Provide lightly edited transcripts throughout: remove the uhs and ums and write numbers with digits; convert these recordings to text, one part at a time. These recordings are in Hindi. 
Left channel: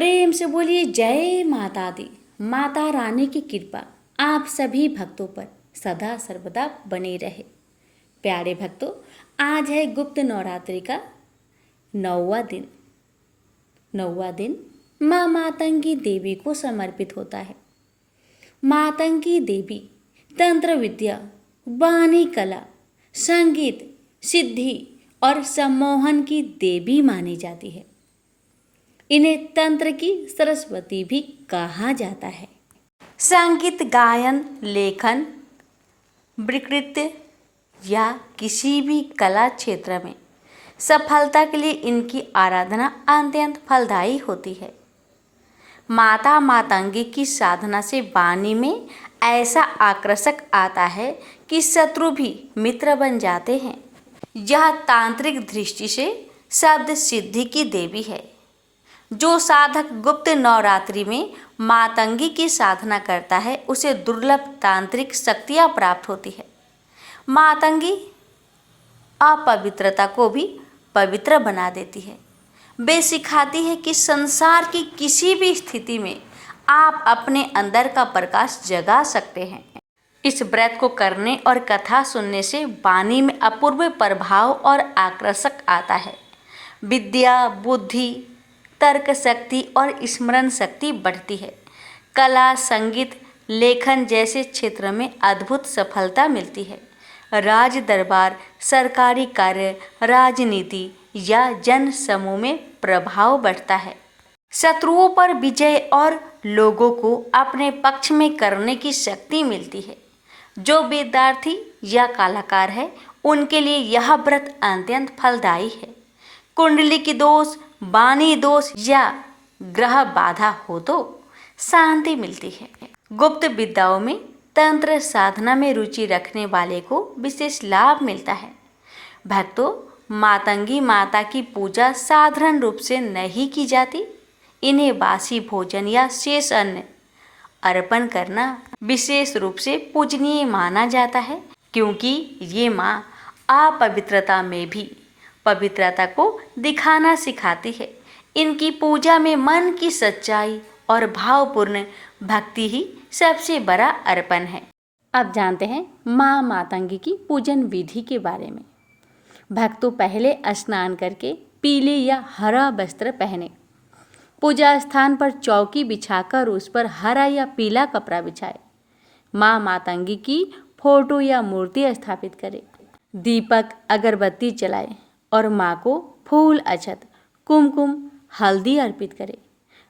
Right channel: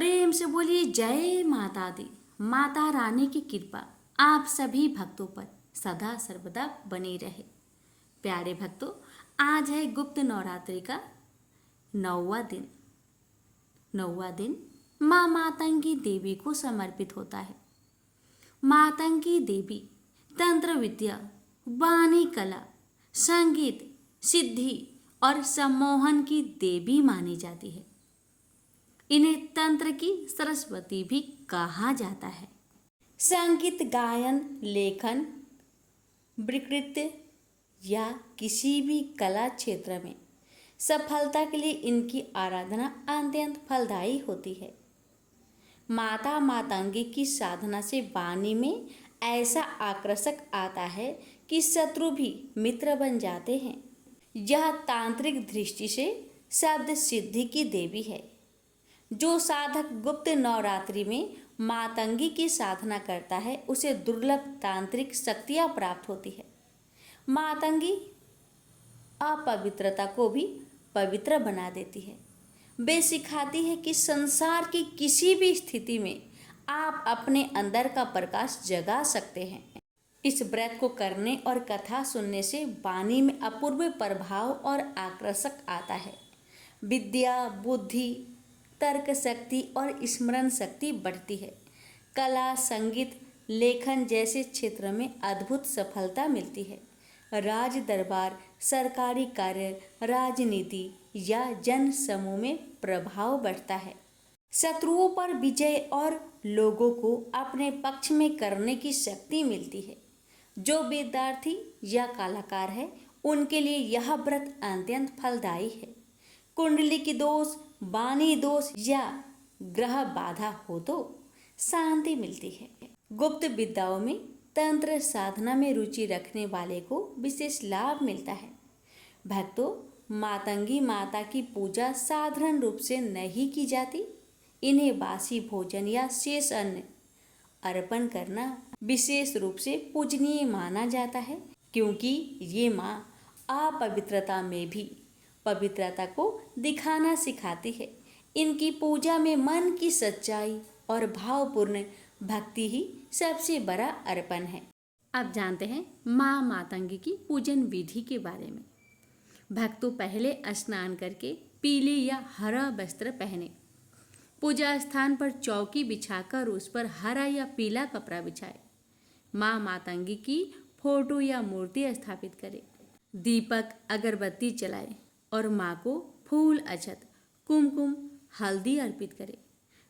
प्रेम से बोलिए जय माता दी। माता रानी की कृपा आप सभी भक्तों पर सदा सर्वदा बनी रहे। प्यारे भक्तों, आज है गुप्त नवरात्रि का 9वां दिन। 9वां दिन माँ मातंगी देवी को समर्पित होता है। मातंगी देवी तंत्र विद्या, वाणी कला, संगीत, सिद्धि और सम्मोहन की देवी मानी जाती है। इन्हें तंत्र की सरस्वती भी कहा जाता है। संगीत, गायन, लेखन, वक्तृत्व या किसी भी कला क्षेत्र में सफलता के लिए इनकी आराधना अत्यंत फलदायी होती है। माता मातंगी की साधना से वाणी में ऐसा आकर्षक आता है कि शत्रु भी मित्र बन जाते हैं। यह तांत्रिक दृष्टि से शब्द सिद्धि की देवी है। जो साधक गुप्त नवरात्रि में मातंगी की साधना करता है उसे दुर्लभ तांत्रिक शक्तियाँ प्राप्त होती है। मातंगी अपवित्रता को भी पवित्र बना देती है। वे सिखाती है कि संसार की किसी भी स्थिति में आप अपने अंदर का प्रकाश जगा सकते हैं। इस व्रत को करने और कथा सुनने से वाणी में अपूर्व प्रभाव और आकर्षक आता है। विद्या, बुद्धि, तर्क शक्ति और स्मरण शक्ति बढ़ती है। कला, संगीत, लेखन जैसे क्षेत्र में अद्भुत सफलता मिलती है। राज दरबार, सरकारी कार्य, राजनीति या जन समूह में प्रभाव बढ़ता है। शत्रुओं पर विजय और लोगों को अपने पक्ष में करने की शक्ति मिलती है। जो विद्यार्थी या कलाकार है उनके लिए यह व्रत अत्यंत फलदायी है। कुंडली की दोष, वाणी दोष या ग्रह बाधा हो तो शांति मिलती है। गुप्त विद्याओं में तंत्र साधना में रुचि रखने वाले को विशेष लाभ मिलता है। भक्तों, मातंगी माता की पूजा साधारण रूप से नहीं की जाती। इन्हें बासी भोजन या शेष अन्न अर्पण करना विशेष रूप से पूजनीय माना जाता है, क्योंकि ये माँ अपवित्रता में भी पवित्रता को दिखाना सिखाती है। इनकी पूजा में मन की सच्चाई और भावपूर्ण भक्ति ही सबसे बड़ा अर्पण है। अब जानते हैं माँ मातंगी की पूजन विधि के बारे में। भक्तों, पहले स्नान करके पीले या हरा वस्त्र पहने, पूजा स्थान पर चौकी बिछाकर उस पर हरा या पीला कपड़ा बिछाए, माँ मातंगी की फोटो या मूर्ति स्थापित करें, दीपक अगरबत्ती जलाए और माँ को फूल, अक्षत, कुमकुम, हल्दी अर्पित करें।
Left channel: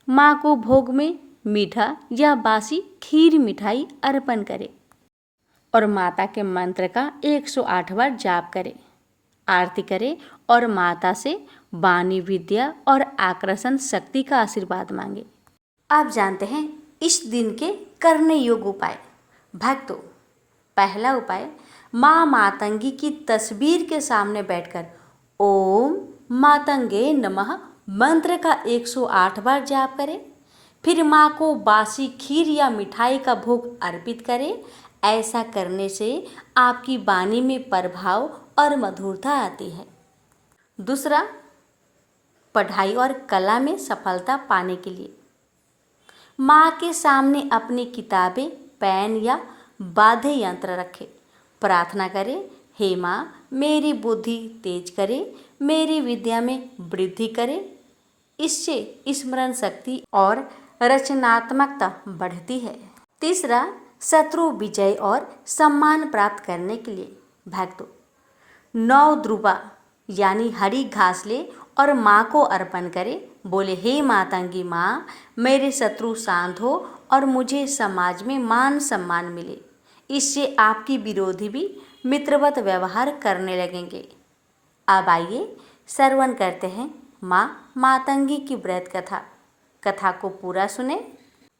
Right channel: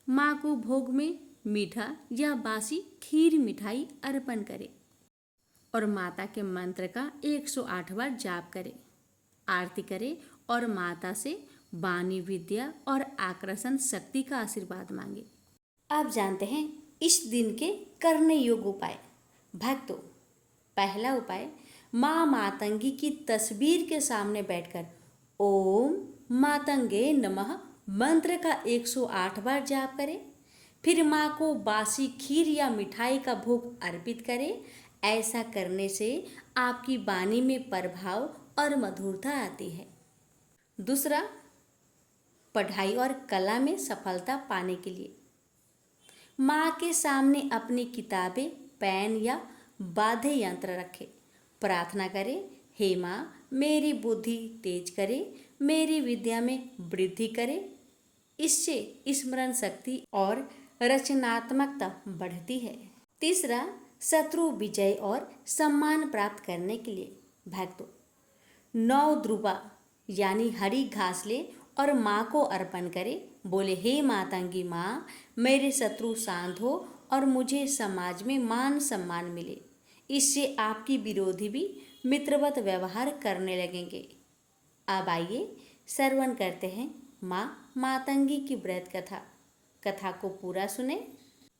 माँ को भोग में मीठा या बासी खीर मिठाई अर्पण करें और माता के मंत्र का 108 बार जाप करें, आरती करें और माता से वाणी विद्या और आकर्षण शक्ति का आशीर्वाद मांगे। अब जानते हैं इस दिन के करने योग्य उपाय। भक्तों, पहला उपाय, माँ मातंगी की तस्वीर के सामने बैठकर ओम मातंगे नमः मंत्र का 108 बार जाप करें। फिर माँ को बासी खीर या मिठाई का भोग अर्पित करें। ऐसा करने से आपकी वाणी में प्रभाव और मधुरता आती है। दूसरा, पढ़ाई और कला में सफलता पाने के लिए माँ के सामने अपनी किताबें, पेन या वाद्य यंत्र रखें। प्रार्थना करें, हे माँ, मेरी बुद्धि तेज करे, मेरी विद्या में वृद्धि करे। इससे स्मरण शक्ति और रचनात्मकता बढ़ती है। तीसरा, शत्रु विजय और सम्मान प्राप्त करने के लिए भक्तों 9 द्रुवा यानी हरी घास ले और माँ को अर्पण करें। बोले, हे मातंगी माँ, मेरे शत्रु शांत हो और मुझे समाज में मान सम्मान मिले। इससे आपकी विरोधी भी मित्रवत व्यवहार करने लगेंगे। अब आइए श्रवण करते हैं माँ मातंगी की व्रत कथा को पूरा सुने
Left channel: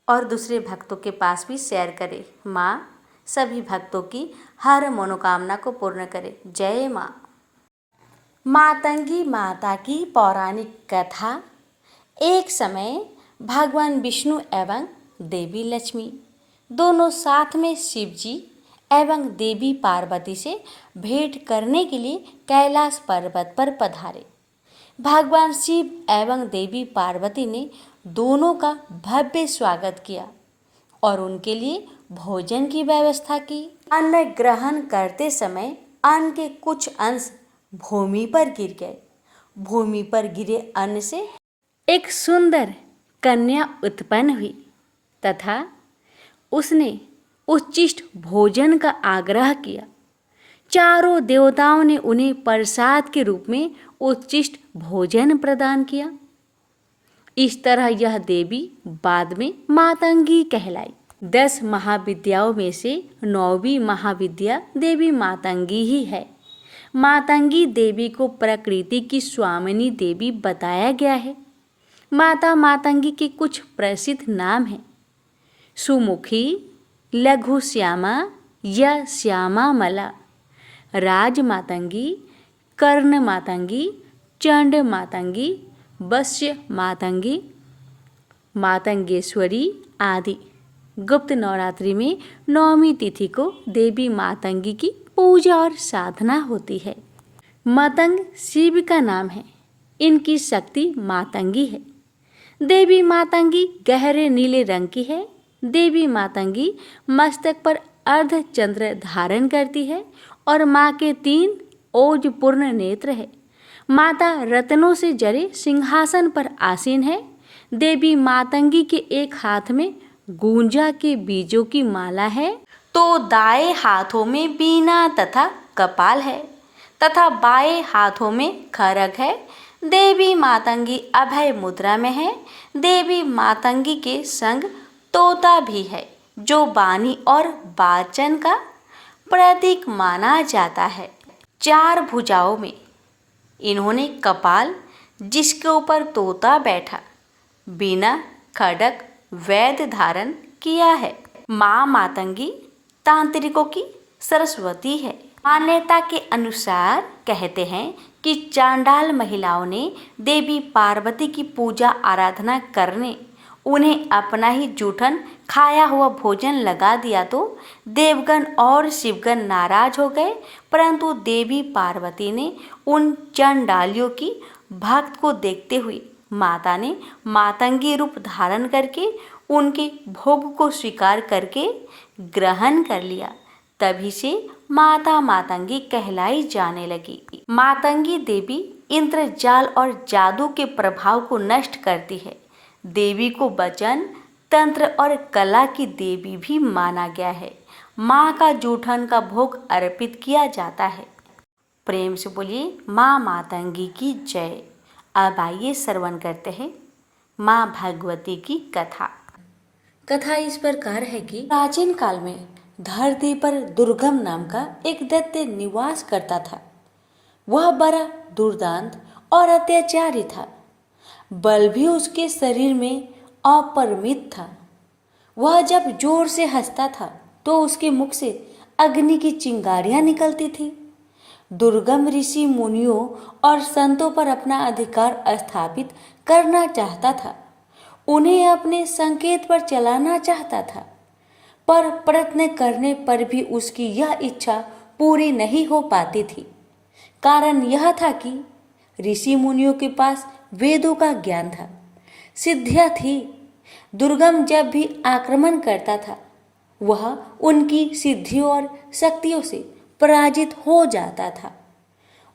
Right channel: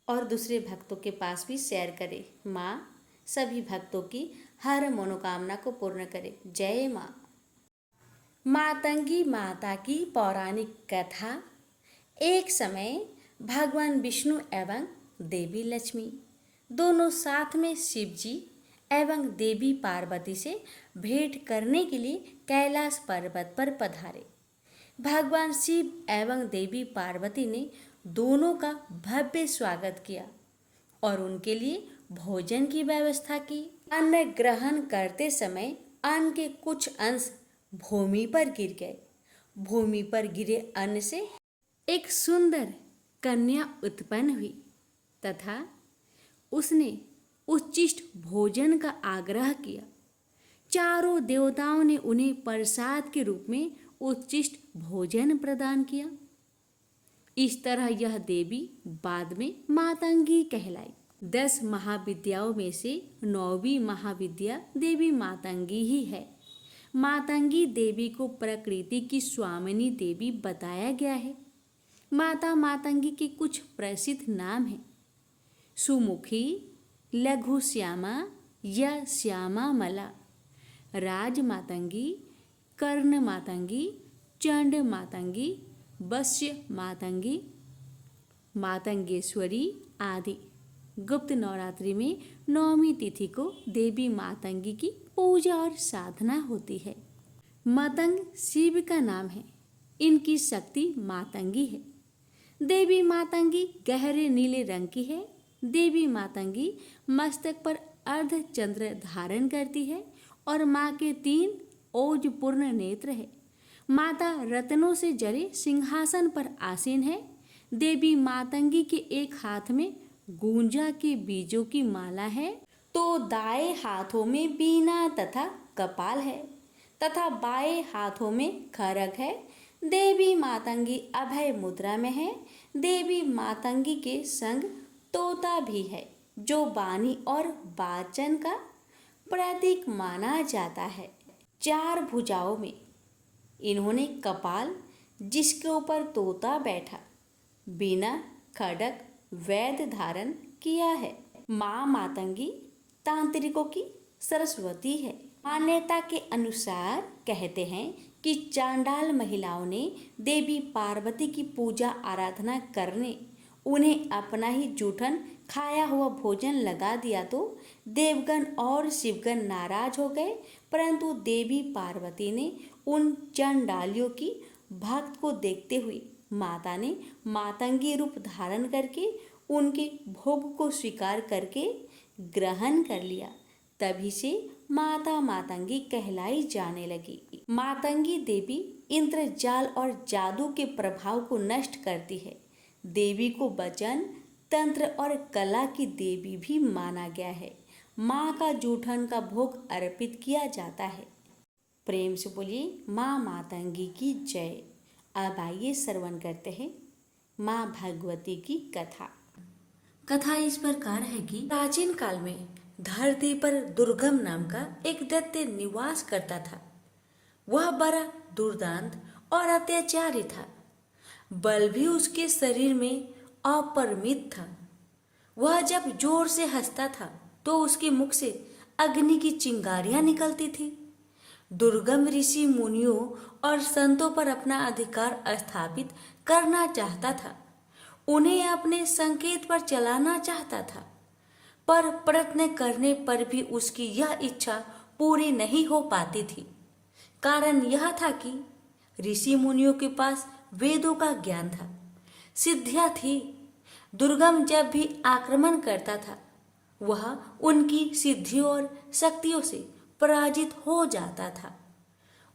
और दूसरे भक्तों के पास भी शेयर करें। माँ सभी भक्तों की हर मनोकामना को पूर्ण करे। जय माँ। मातंगी माता की पौराणिक कथा। एक समय भगवान विष्णु एवं देवी लक्ष्मी दोनों साथ में शिव जी एवं देवी पार्वती से भेंट करने के लिए कैलाश पर्वत पर पधारे। भगवान शिव एवं देवी पार्वती ने दोनों का भव्य स्वागत किया और उनके लिए भोजन की व्यवस्था की। अन्न ग्रहण करते समय अन्न के कुछ अंश भूमि पर गिर गए। भूमि पर गिरे अन्न से एक सुंदर कन्या उत्पन्न हुई तथा उसने उच्चिष्ट भोजन का आग्रह किया। चारों देवताओं ने उन्हें प्रसाद के रूप में उच्चिष्ट भोजन प्रदान किया। इस तरह यह देवी बाद में मातंगी कहलाई। 10 महाविद्याओं में से 9वीं महाविद्या देवी मातंगी ही है। मातंगी देवी को प्रकृति की स्वामिनी देवी बताया गया है। माता मातंगी के कुछ प्रसिद्ध नाम हैं: सुमुखी, लघु श्यामा या श्यामा मला, राज मातंगी, कर्ण मातंगी, चंड मातंगी, वश्य मातंगी, मातंगेश्वरी आदि। गुप्त नवरात्रि में 9वीं तिथि को देवी मातंगी की पूजा और साधना होती है। मातंग शिव का नाम है। इनकी शक्ति मातंगी है। देवी मातंगी गहरे नीले रंग की है। देवी मातंगी मस्तक पर अर्धचंद्र धारण करती है और माँ के 3 ओजपूर्ण नेत्र है। माता रत्नों से जड़े सिंहासन पर आसीन है। देवी मातंगी के एक हाथ में गुंजा के बीजों की माला है तो दाएं हाथों में वीणा तथा कपाल है तथा बाएं हाथों में खड्ग है। देवी मातंगी अभय मुद्रा में है। देवी मातंगी के संग तोता भी है जो वाणी और वाचन का प्रतीक माना जाता है। 4 भुजाओं में इन्होंने कपाल जिसके ऊपर तोता बैठा, वीणा, खड्ग, वैद्य धारण किया है। माँ मातंगी तांत्रिकों की सरस्वती है। मान्यता के अनुसार कहते हैं कि चांडाल महिलाओं ने देवी पार्वती की पूजा आराधना करने उन्हें अपना ही जूठन खाया हुआ भोजन लगा दिया तो देवगण और शिवगण नाराज हो गए, परंतु देवी पार्वती ने उन चंडालियों की भक्त को देखते हुए माता ने मातंगी रूप धारण करके उनके भोग को स्वीकार करके ग्रहण कर लिया। तभी से माता मातंगी कहलाई जाने लगी। मातंगी देवी इंद्रजाल और जादू के प्रभाव को नष्ट करती है। देवी को वचन, तंत्र और कला की देवी भी माना गया है। माँ का जूठन का भोग अर्पित किया जाता है। प्रेम से बोलिए माँ मातंगी की जय। अब आइए श्रवण करते हैं माँ भगवती की कथा। कथा इस प्रकार है कि प्राचीन काल में धरती पर दुर्गम नाम का एक दैत्य निवास करता था। वह बड़ा दुर्दांत और अत्याचारी था। बल भी उसके शरीर में अपरिमित था। वह जब जोर से हंसता था तो उसके मुख से अग्नि की चिंगारियां निकलती थी। दुर्गम ऋषि मुनियों और संतों पर अपना अधिकार स्थापित करना चाहता था। उन्हें अपने संकेत पर चलाना चाहता था, पर प्रयत्न करने पर भी उसकी यह इच्छा पूरी नहीं हो पाती थी। कारण यह था कि ऋषि मुनियों के पास वेदों का ज्ञान था, सिद्धियां थी। दुर्गम जब भी आक्रमण करता था वह उनकी सिद्धियों और शक्तियों से पराजित हो जाता था।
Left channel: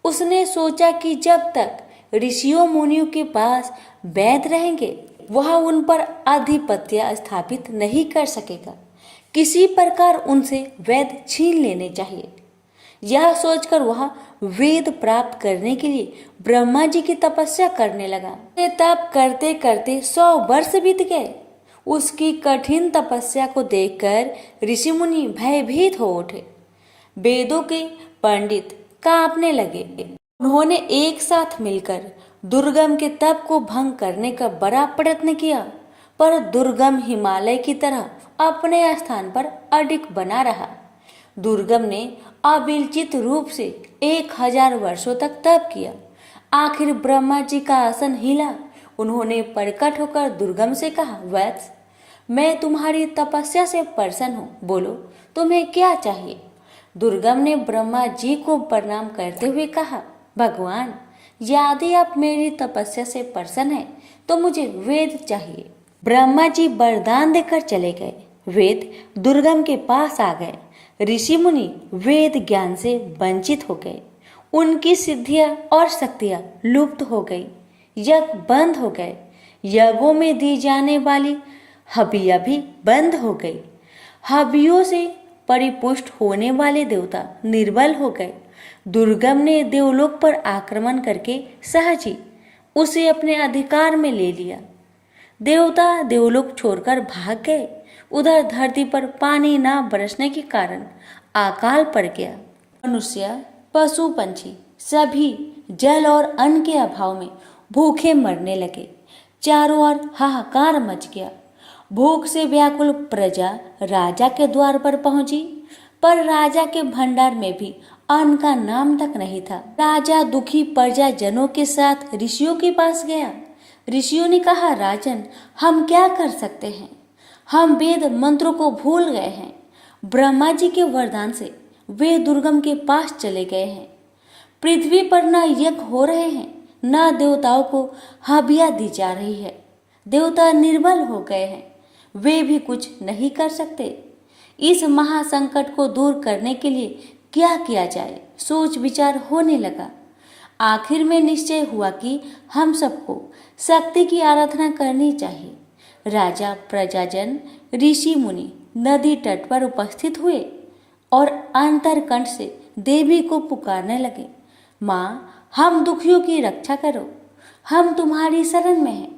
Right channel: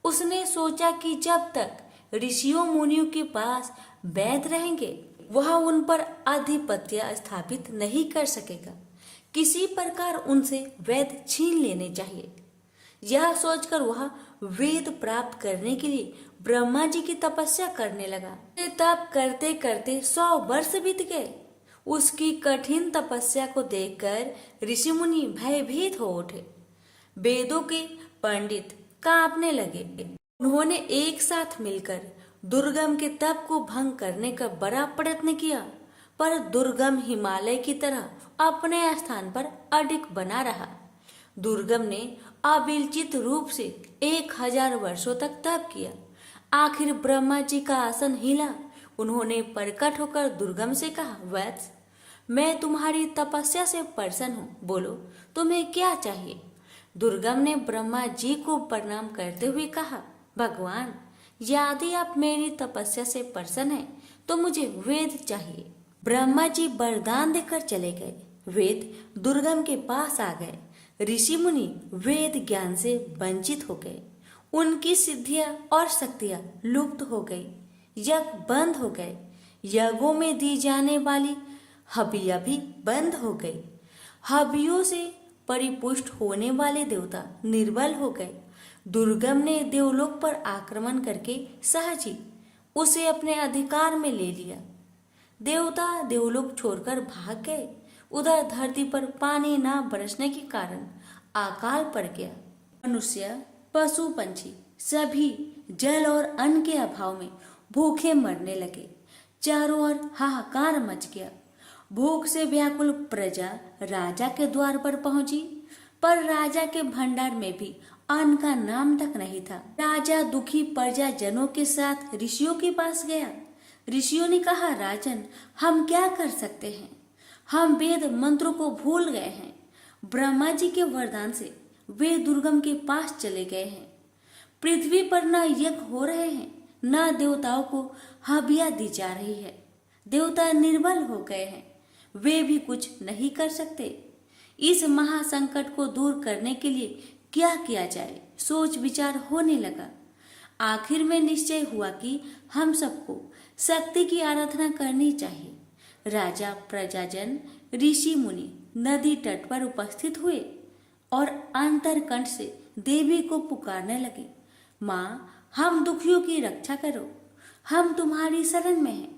उसने सोचा कि जब तक ऋषियों मुनियों के पास वैद रहेंगे वह उन पर आधिपत्य स्थापित नहीं कर सकेगा। किसी प्रकार उनसे वेद छीन लेने चाहिए। यह सोचकर वह वेद प्राप्त करने के लिए ब्रह्मा जी की तपस्या करने लगा। तप करते करते 100 वर्ष बीत गए। उसकी कठिन तपस्या को देखकर ऋषि मुनि भयभीत हो उठे। वेदों के पंडित कांपने लगे। उन्होंने एक साथ मिलकर दुर्गम के तप को भंग करने का बड़ा प्रयत्न किया, पर दुर्गम हिमालय की तरह अपने स्थान पर अडिग बना रहा। दुर्गम ने अविचलित रूप से 1000 वर्षों तक तप किया। आखिर ब्रह्मा जी का आसन हिला। उन्होंने प्रकट होकर दुर्गम से कहा, वत्स, मैं तुम्हारी तपस्या से प्रसन्न हूँ, बोलो तुम्हें क्या चाहिए। दुर्गम ने ब्रह्मा जी को प्रणाम करते हुए कहा, भगवान, यदि आप मेरी तपस्या से प्रसन्न हैं तो मुझे वेद चाहिए। ब्रह्मा जी वरदान देकर चले गए। वेद दुर्गम के पास आ गए। ऋषि मुनि वेद ज्ञान से वंचित हो गए। उनकी सिद्धियां और शक्तियां लुप्त हो गई। यज्ञ बंद हो गए। यज्ञों में दी जाने वाली हबियां भी बंद हो गई। हबियों से परिपुष्ट होने वाले देवता निर्बल हो गए। दुर्गम ने देवलोक पर आक्रमण करके सहज ही उसे अपने अधिकार में ले लिया। देवता देवलोक छोड़कर भाग गए। उधर धरती पर पानी न बरसने के कारण अकाल पड़ गया। मनुष्य, पशु, पंछी सभी जल और अन्न के अभाव में भूखे मरने लगे। चारों ओर हाहाकार मच गया। भूख से व्याकुल प्रजा राजा के द्वार पर पहुंची, पर राजा के भंडार में भी अन्न का नाम तक नहीं था। राजा दुखी प्रजाजनों के साथ ऋषियों के पास गया। ऋषियों ने कहा, राजन, हम क्या कर सकते हैं? हम वेद मंत्रों को भूल गए हैं। ब्रह्मा जी के वरदान से वे दुर्गम के पास चले गए हैं। पृथ्वी पर न यज्ञ हो रहे हैं, न देवताओं को हबिया दी जा रही है। देवता निर्बल हो गए हैं। वे भी कुछ नहीं कर सकते। इस महासंकट को दूर करने के लिए क्या किया जाए, सोच विचार होने लगा। आखिर में निश्चय हुआ कि हम सबको शक्ति की आराधना करनी चाहिए। राजा, प्रजाजन, ऋषि मुनि नदी तट पर उपस्थित हुए और अंतरकंठ से देवी को पुकारने लगे, माँ, हम दुखियों की रक्षा करो, हम तुम्हारी शरण में हैं।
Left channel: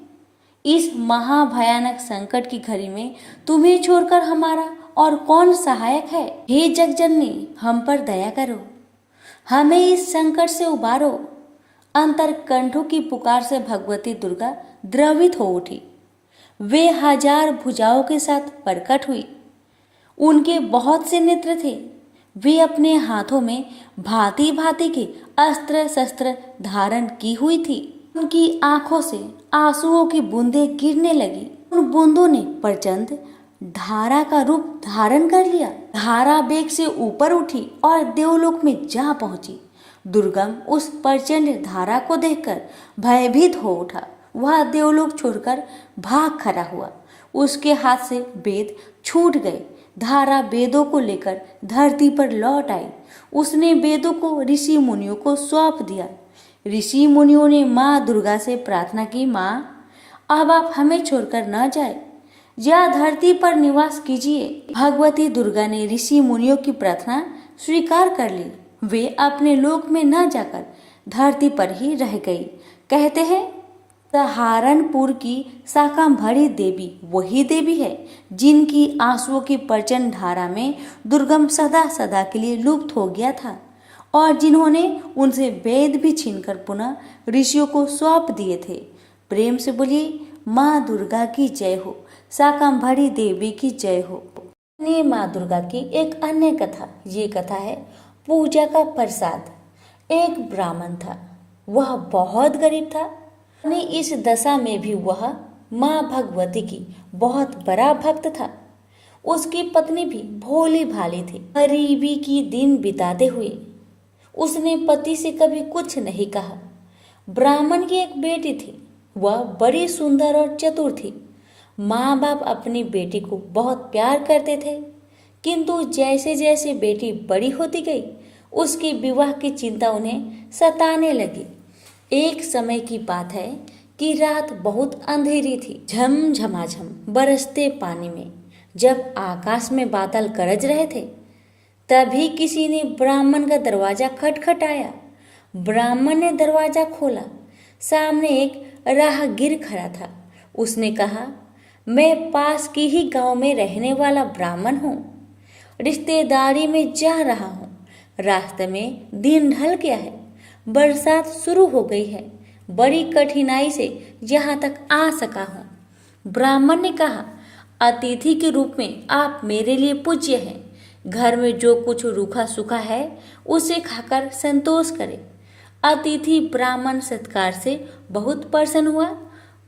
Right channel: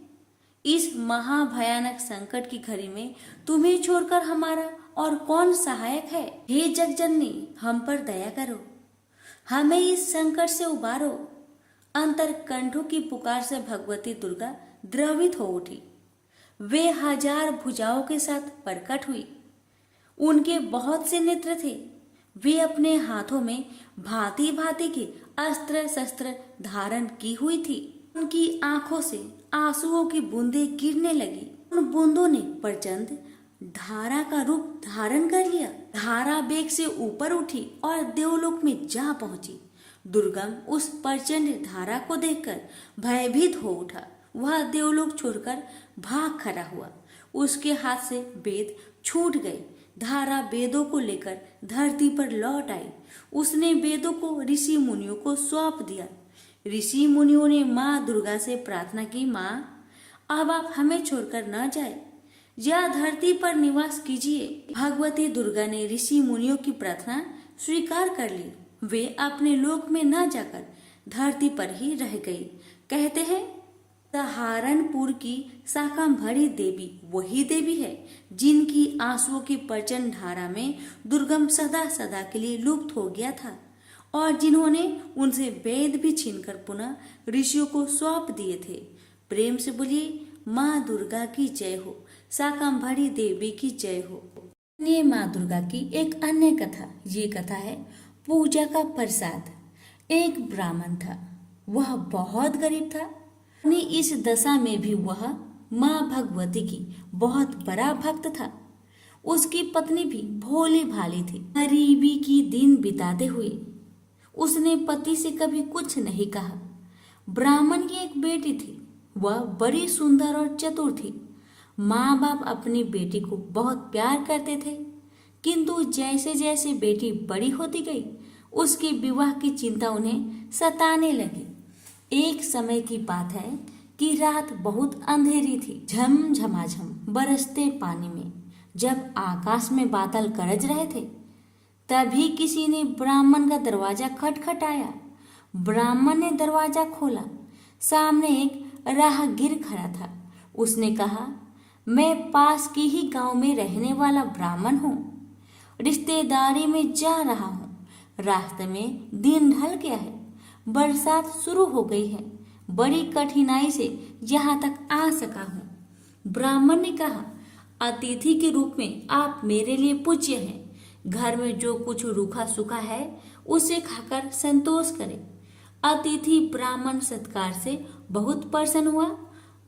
इस महाभयानक संकट की घड़ी में तुम्हें छोड़कर हमारा और कौन सहायक है? हे जगजननी, हम पर दया करो, हमें इस संकट से उबारो। अंतरकंठों की पुकार से भगवती दुर्गा द्रवित हो उठी। वे 1000 भुजाओं के साथ प्रकट हुई। उनके बहुत से नेत्र थे। वे अपने हाथों में भांति भांति के अस्त्र शस्त्र धारण की हुई थी। उनकी आंखों से आंसुओं की बूंदें गिरने लगी। उन बूंदों ने प्रचंड धारा का रूप धारण कर लिया। धारा वेग से ऊपर उठी और देवलोक में जा पहुंची। दुर्गम उस प्रचंड धारा को देखकर भयभीत हो उठा। वह देवलोक छोड़कर भाग खड़ा हुआ। उसके हाथ से वेद छूट गए। धारा वेदों को लेकर धरती पर लौट आई। उसने वेदों को ऋषि मुनियों को सौंप दिया। ऋषि मुनियों ने माँ दुर्गा से प्रार्थना की, माँ, अब आप हमें छोड़कर न जाए, या धरती पर निवास कीजिए। भगवती दुर्गा ने ऋषि मुनियों की प्रार्थना स्वीकार कर ली। वे अपने लोक में न जाकर धरती पर ही रह गई। कहते हैं, सहारनपुर की शाकंभरी देवी वही देवी है जिनकी आंसुओं की प्रचंड धारा में दुर्गम सदा सदा के लिए लुप्त हो गया था और जिन्होंने उनसे वेद भी छीनकर पुनः ऋषियों को सौंप दिए थे। प्रेम से बोलिए, माँ दुर्गा की जय हो, शाकंभरी देवी की जय हो। ये माँ दुर्गा की एक अन्य कथा, ये कथा है पूजा का प्रसाद। एक ब्राह्मण था, वह बहुत गरीब था। अपनी इस दशा में भी वह माँ भगवती की बहुत बड़ा भक्त था। उसकी पत्नी भी भोली भाली थी। गरीबी की दिन बिताते हुए उसने पति से कभी कुछ नहीं कहा। ब्राह्मण की एक बेटी थी, वह बड़ी सुंदर और चतुर थी। माँ बाप अपनी बेटी को बहुत प्यार करते थे, किंतु जैसे जैसे बेटी बड़ी होती गई उसके विवाह की चिंता उन्हें सताने लगी। एक समय की बात है कि रात बहुत अंधेरी थी। झमझमाझम बरसते पानी में जब आकाश में बादल गरज रहे थे, तभी किसी ने ब्राह्मण का दरवाजा खटखटाया। ब्राह्मण ने दरवाजा खोला। सामने एक राहगीर खड़ा था। उसने कहा, मैं पास की ही गांव में रहने वाला ब्राह्मण हूँ, रिश्तेदारी में जा रहा हूँ। रास्ते में दिन ढल गया है, बरसात शुरू हो गई है, बड़ी कठिनाई से यहाँ तक आ सका हूँ। ब्राह्मण ने कहा, अतिथि के रूप में आप मेरे लिए पूज्य हैं। घर में जो कुछ रूखा सूखा है उसे खाकर संतोष करें। अतिथि ब्राह्मण सत्कार से बहुत प्रसन्न हुआ।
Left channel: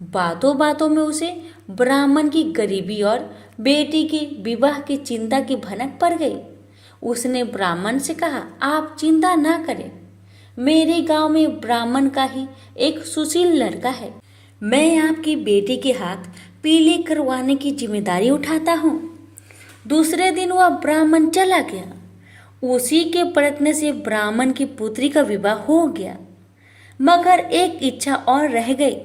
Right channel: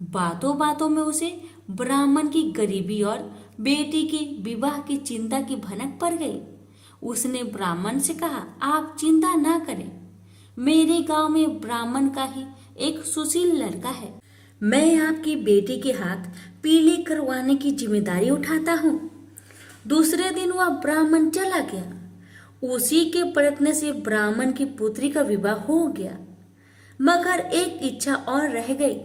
बातों बातों में उसे ब्राह्मण की गरीबी और बेटी के विवाह की चिंता की भनक पड़ गई। उसने ब्राह्मण से कहा, आप चिंता ना करें, मेरे गांव में ब्राह्मण का ही एक सुशील लड़का है। मैं आपकी बेटी के हाथ पीले करवाने की जिम्मेदारी उठाता हूँ। दूसरे दिन वह ब्राह्मण चला गया। उसी के प्रयत्न से ब्राह्मण की पुत्री का विवाह हो गया। मगर एक इच्छा और रह गई।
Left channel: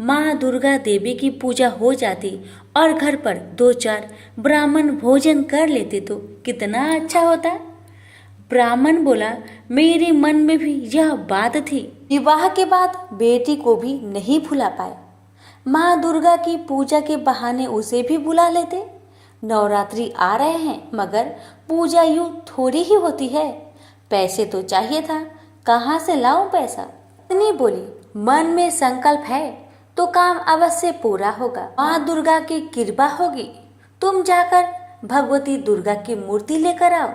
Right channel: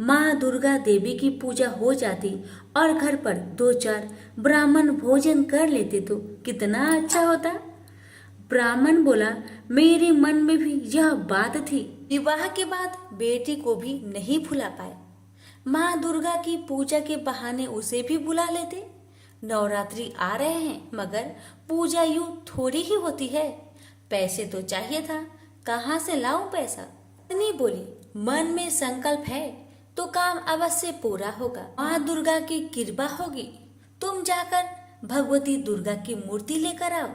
माँ दुर्गा देवी की पूजा हो जाती और घर पर 2-4 ब्राह्मण भोजन कर लेते तो कितना अच्छा होता। ब्राह्मण बोला, मेरे मन में भी यह बात थी। विवाह के बाद बेटी को भी नहीं भुला पाए। माँ दुर्गा की पूजा के बहाने उसे भी बुला लेते। नवरात्रि आ रहे हैं मगर पूजा यूं थोड़ी ही होती है। पैसे तो चाहिए था, कहाँ से लाऊं पैसा। पत्नी बोली, मन में संकल्प है तो काम अवश्य पूरा होगा। माँ दुर्गा की कृपा होगी। तुम जाकर भगवती दुर्गा की मूर्ति लेकर आओ।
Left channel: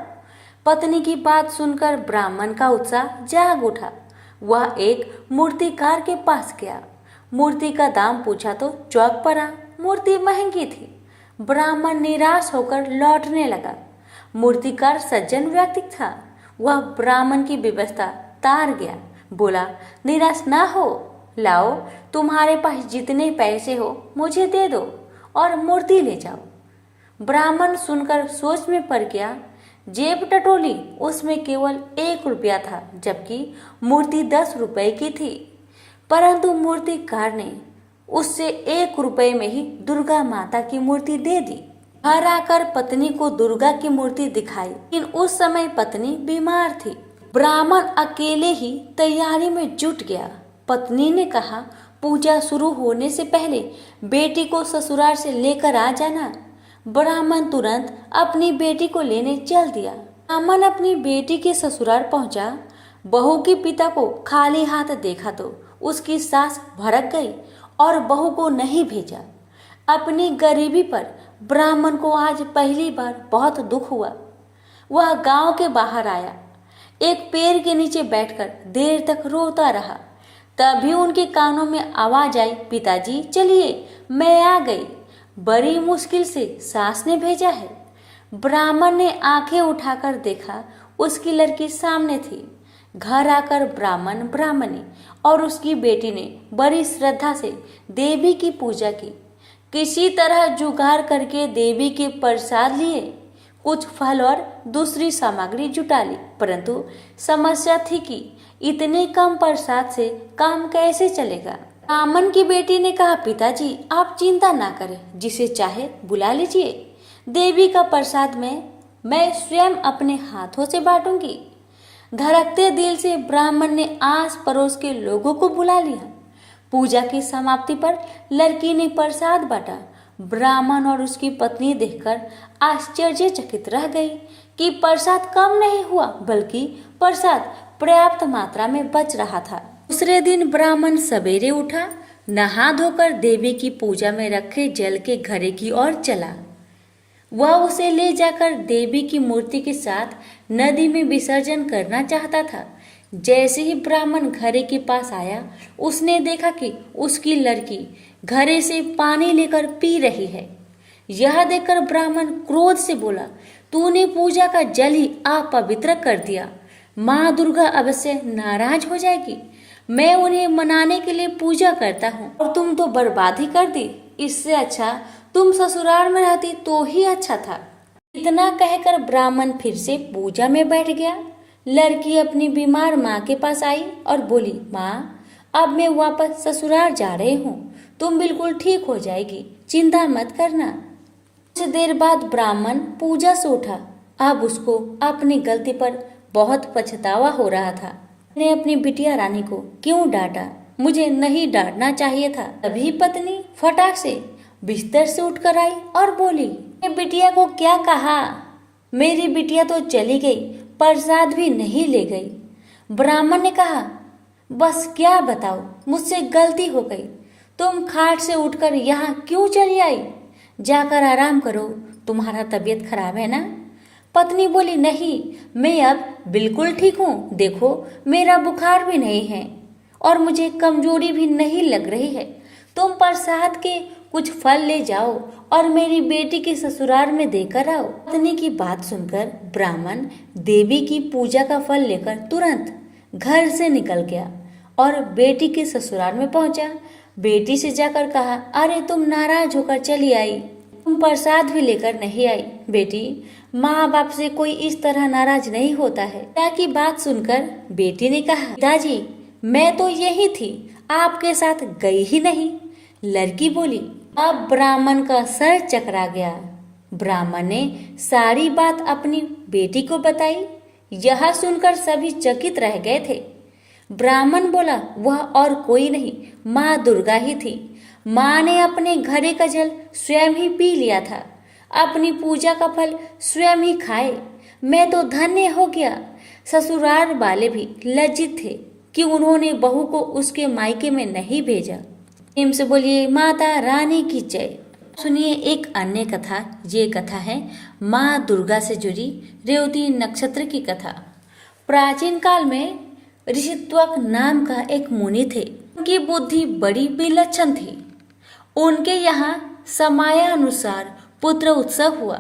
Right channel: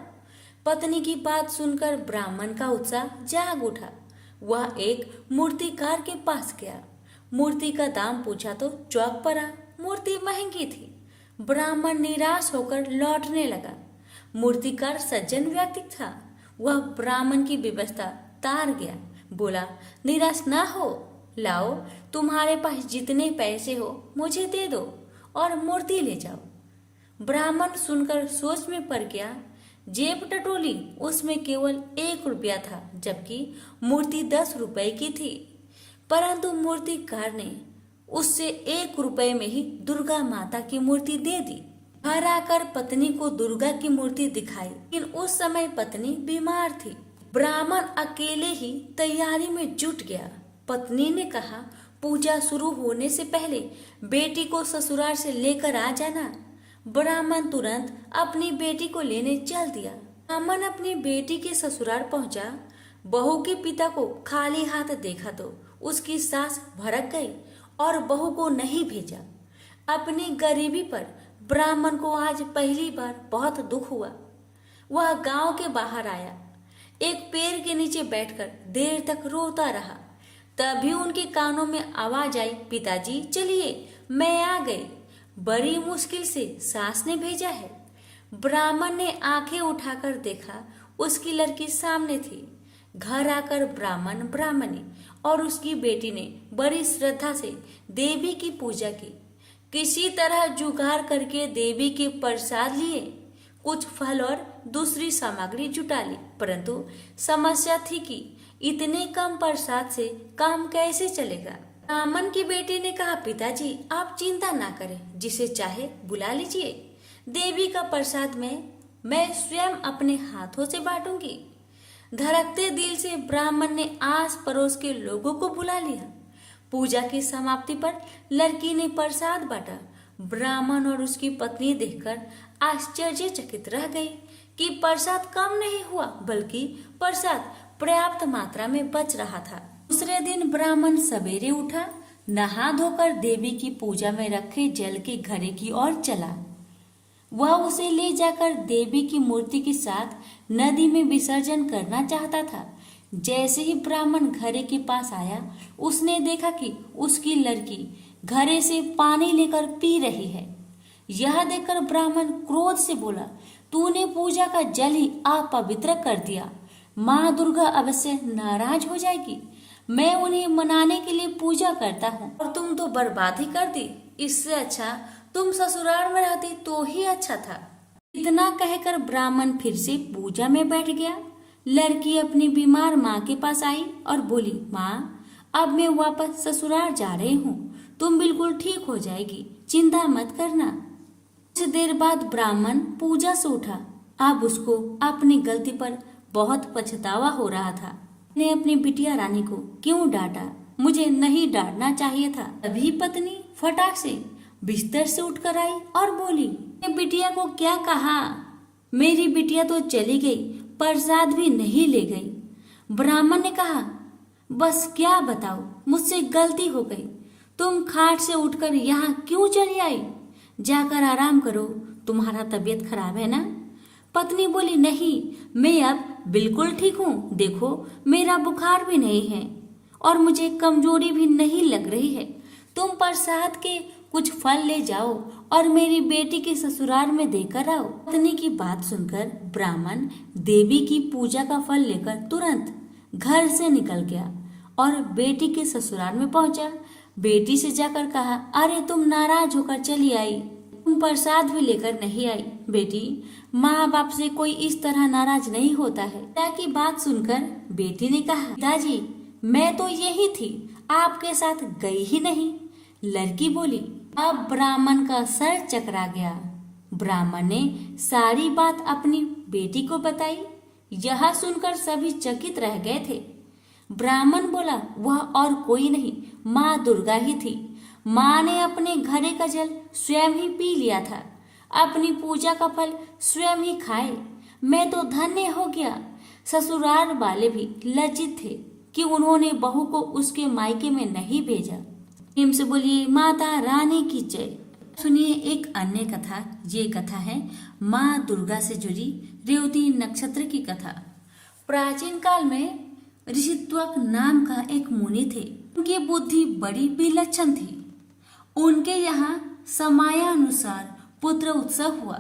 पत्नी की बात सुनकर ब्राह्मण का उत्साह जाग उठा। वह एक मूर्तिकार के पास गया। मूर्ति का दाम पूछा तो चौंक पड़ा। मूर्ति महंगी थी। ब्राह्मण निराश होकर लौटने लगा। मूर्तिकार सज्जन व्यक्ति था। वह ब्राह्मण की व्यवस्था तार गया। बोला, निराश ना हो, लाओ तुम्हारे पास जितने पैसे हो मुझे दे दो और मूर्ति ले जाओ। ब्राह्मण सुनकर सोच में पड़ गया। जेब टटोली, उसमें केवल 1 रुपया था, जबकि मूर्ति 10 रुपए की थी। परंतु मूर्तिकार ने उससे 1 रुपए में ही दुर्गा माता की मूर्ति दे दी। घर आकर पत्नी को दुर्गा की मूर्ति दिखाई, लेकिन उस समय पत्नी बीमार थी। ब्राह्मण अकेले ही तैयारी में जुट गया। पत्नी ने कहा, पूजा शुरू होने से पहले बेटी को ससुराल से लेकर आ जाना। ब्राह्मण तुरंत अपनी बेटी को लेने चल दिया। ब्राह्मण अपनी बेटी के ससुराल पहुंचा। बहू के पिता को खाली हाथ देखा तो उसकी सास भड़क गई और बहू को नहीं भेजा। अपनी गरीबी पर ब्राह्मण को आज पहली बार बहुत दुख हुआ। वह गांव के बाहर आया। एक पेड़ के नीचे बैठकर देर तक रोता रहा। तभी उनके कानों में आवाज आई, पिताजी चलिए, मैं आ गई। बड़ी मुश्किल से सास ने भेजा है। ब्राह्मण ने आंखें उठाकर देखा, उसकी लड़की सामने थी। घर आकर ब्राह्मण, ब्राह्मणी और उसकी बेटी ने बड़ी श्रद्धा से देवी की पूजा की। किसी तरह जुगाड़ करके देवी के प्रसाद लिए, कुछ फल और दूसरी सामग्री जुटा ली। परंतु समस्या थी कि इतने कम प्रसाद से काम कैसे चलेगा। ब्राह्मण की बेटी ने कहा, पिताजी आप चिंता ना करें, जिसे चाहे बुला लीजिए। देवी का प्रसाद मैं स्वयं अपने हाथों से बांटूंगी। धड़कते दिल से ब्राह्मण ने आस पड़ोस के लोगों को बुला लिया। पूजा की समाप्ति पर लड़की ने प्रसाद बांटा। ब्राह्मण और उसकी पत्नी देखकर आश्चर्यचकित रह गई कि प्रसाद कम नहीं हुआ, बल्कि प्रसाद पर्याप्त मात्रा में बच रहा था। दूसरे दिन ब्राह्मण सवेरे उठा, नहा धोकर देवी की पूजा में रखे जल के घड़े की ओर चला। वह उसे ले जाकर देवी की मूर्ति के साथ नदी में विसर्जन करना चाहता था। जैसे ही ब्राह्मण घड़े के पास आया, उसने देखा कि उसकी लड़की घड़े से पानी लेकर पी रही है। यह देखकर ब्राह्मण क्रोध से बोला, तूने पूजा का जल ही अपवित्र कर दिया। माँ दुर्गा अवश्य नाराज हो जाएगी। मैं उन्हें मनाने के लिए पूजा करता हूँ और तुम तो बर्बादी कर दी। इससे अच्छा तुम ससुराल में रहती तो ही अच्छा था। इतना कहकर ब्राह्मण फिर से पूजा में बैठ गया। लड़की अपनी बीमार माँ के पास आई और बोली, माँ अब मैं वापस ससुराल जा रही हूँ, तुम बिल्कुल ठीक हो जाएगी, चिंता मत करना। कुछ देर बाद ब्राह्मण पूजा से उठा। अब उसको अपनी गलती पर बहुत पछतावा हो रहा था। ने अपनी बिटिया रानी को क्यों डांटा, मुझे नहीं डांटना चाहिए था। तभी पत्नी फटाक से बिस्तर से उठकर आई और बोली, बिटिया को क्या कहा? मेरी बिटिया तो चली गई, प्रसाद भी नहीं ले गई। ब्राह्मण ने कहा, बस क्या बताओ, मुझसे गलती हो गई। तुम खाट से उठकर यहाँ क्यों चली आई? जाकर आराम करो, तुम्हारा तबीयत खराब है ना? पत्नी बोली, नहीं, मैं अब बिल्कुल ठीक हूँ। देखो मेरा बुखार भी नहीं है और मुझे कमजोरी भी नहीं लग रही है। तुम प्रसाद के कुछ फल ले जाओ और मेरी बेटी के ससुराल में देकर आओ। पत्नी की बात सुनकर ब्राह्मण देवी की पूजा का फल लेकर तुरंत घर से निकल गया और बेटी के ससुराल में पहुंचा। बेटी से जाकर कहा, अरे तुम नाराज होकर चली आई, तुम प्रसाद भी लेकर नहीं आई। बेटी, माँ बाप से कोई इस तरह नाराज नहीं होता है। पिता की बात सुनकर बेटी ने कहा, पिताजी मैं तो यही थी, आपके साथ गई ही नहीं। लड़की बोली। अब ब्राह्मण का सर चकरा गया। ब्राह्मण ने सारी बात अपनी बेटी को बताई। यह सुनकर सभी चकित रह गए थे। ब्राह्मण बोला, वह और कोई नहीं, माँ दुर्गा ही थी। माँ ने अपने घड़े का जल स्वयं ही पी लिया था, अपनी पूजा का फल स्वयं ही खाए। मैं तो धन्य हो गया। ससुराल वाले भी लज्जित थे कि उन्होंने बहू को उसके मायके में नहीं भेजा। प्रेम से बोलिए माता रानी की जय। सुनिए एक अन्य कथा। ये कथा है माँ दुर्गा से जुड़ी रेवती नक्षत्र की कथा। प्राचीन काल में ऋषित्वक नाम का एक मुनि थे। उनकी बुद्धि बड़ी विलक्षण थी। उनके यहाँ समयानुसार पुत्र उत्सव हुआ।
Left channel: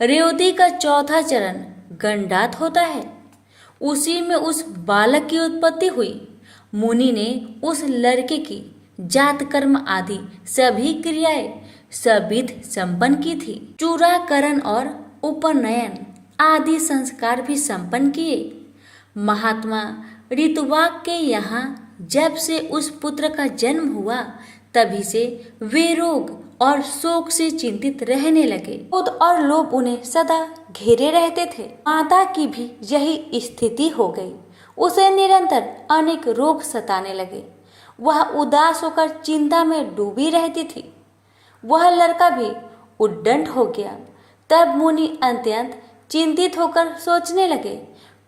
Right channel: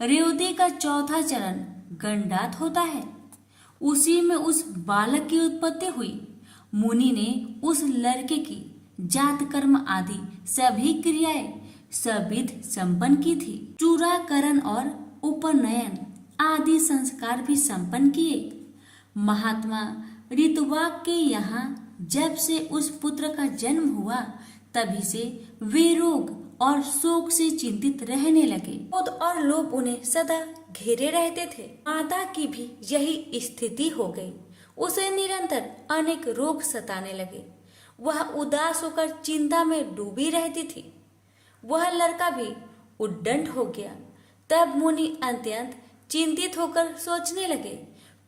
रेवती का चौथा चरण गंडात होता है, उसी में उस बालक की उत्पत्ति हुई। मुनि ने उस लड़के की जात कर्म आदि सभी क्रियाएं सविध संपन्न की थी। चूड़ाकरण और उपनयन आदि संस्कार भी संपन्न किए। महात्मा ऋतुवाक के यहाँ जब से उस पुत्र का जन्म हुआ, तभी से वे रोग और शोक से चिंतित रहने लगे। क्रोध और लोभ उन्हें सदा घेरे रहते थे। माता की भी यही स्थिति हो गई। उसे निरंतर अनेक रोग सताने लगे। वह उदास होकर चिंता में डूबी रहती थी। वह लड़का भी उद्दंड हो गया। तब मुनि अत्यंत चिंतित होकर सोचने लगे,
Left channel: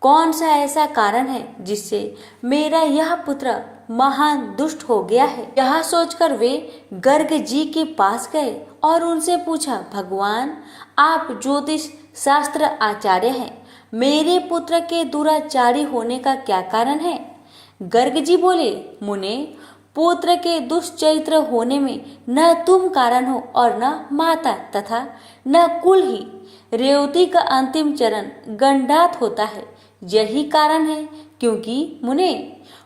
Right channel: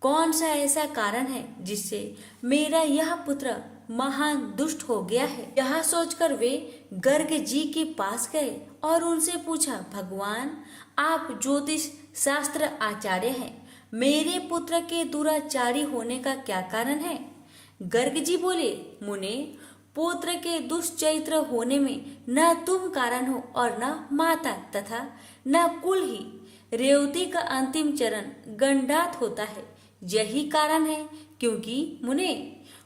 कौन सा ऐसा कारण है जिससे मेरा यह पुत्र महान दुष्ट हो गया है। यह सोचकर वे गर्ग जी के पास गए और उनसे पूछा, भगवान आप ज्योतिष शास्त्र आचार्य हैं, मेरे पुत्र के दुराचारी होने का क्या कारण है। गर्ग जी बोले, मुने पुत्र के दुष्चरित्र होने में न तुम कारण हो और न माता तथा न कुल ही। रेवती का अंतिम चरण गंडात होता है, यही कारण है। क्योंकि मुने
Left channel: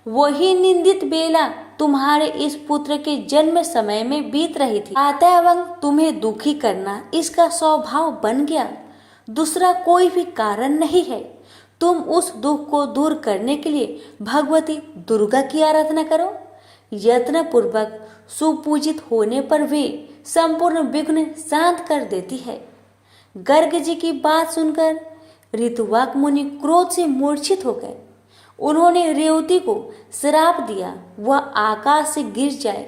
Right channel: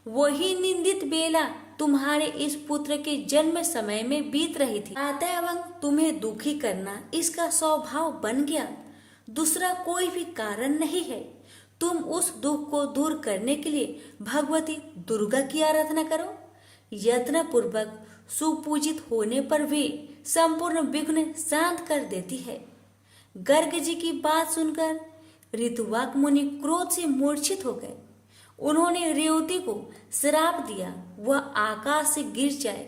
वही निंदित बेला तुम्हारे इस पुत्र के जन्म समय में बीत रही थी। अतएव तुम्हें दुखी करना इसका स्वभाव बन गया, दूसरा कोई भी कारण नहीं है। तुम उस दुख को दूर करने के लिए भगवती दुर्गा की आराधना करो। यत्न पूर्वक सुपूजित होने पर वे संपूर्ण विघ्न शांत कर देती है। गर्ग जी की बात सुनकर ऋतुवाक मुनि क्रोध से मूर्छित हो गए। उन्होंने रेवती को श्राप दिया, वह आकाश से गिर जाए।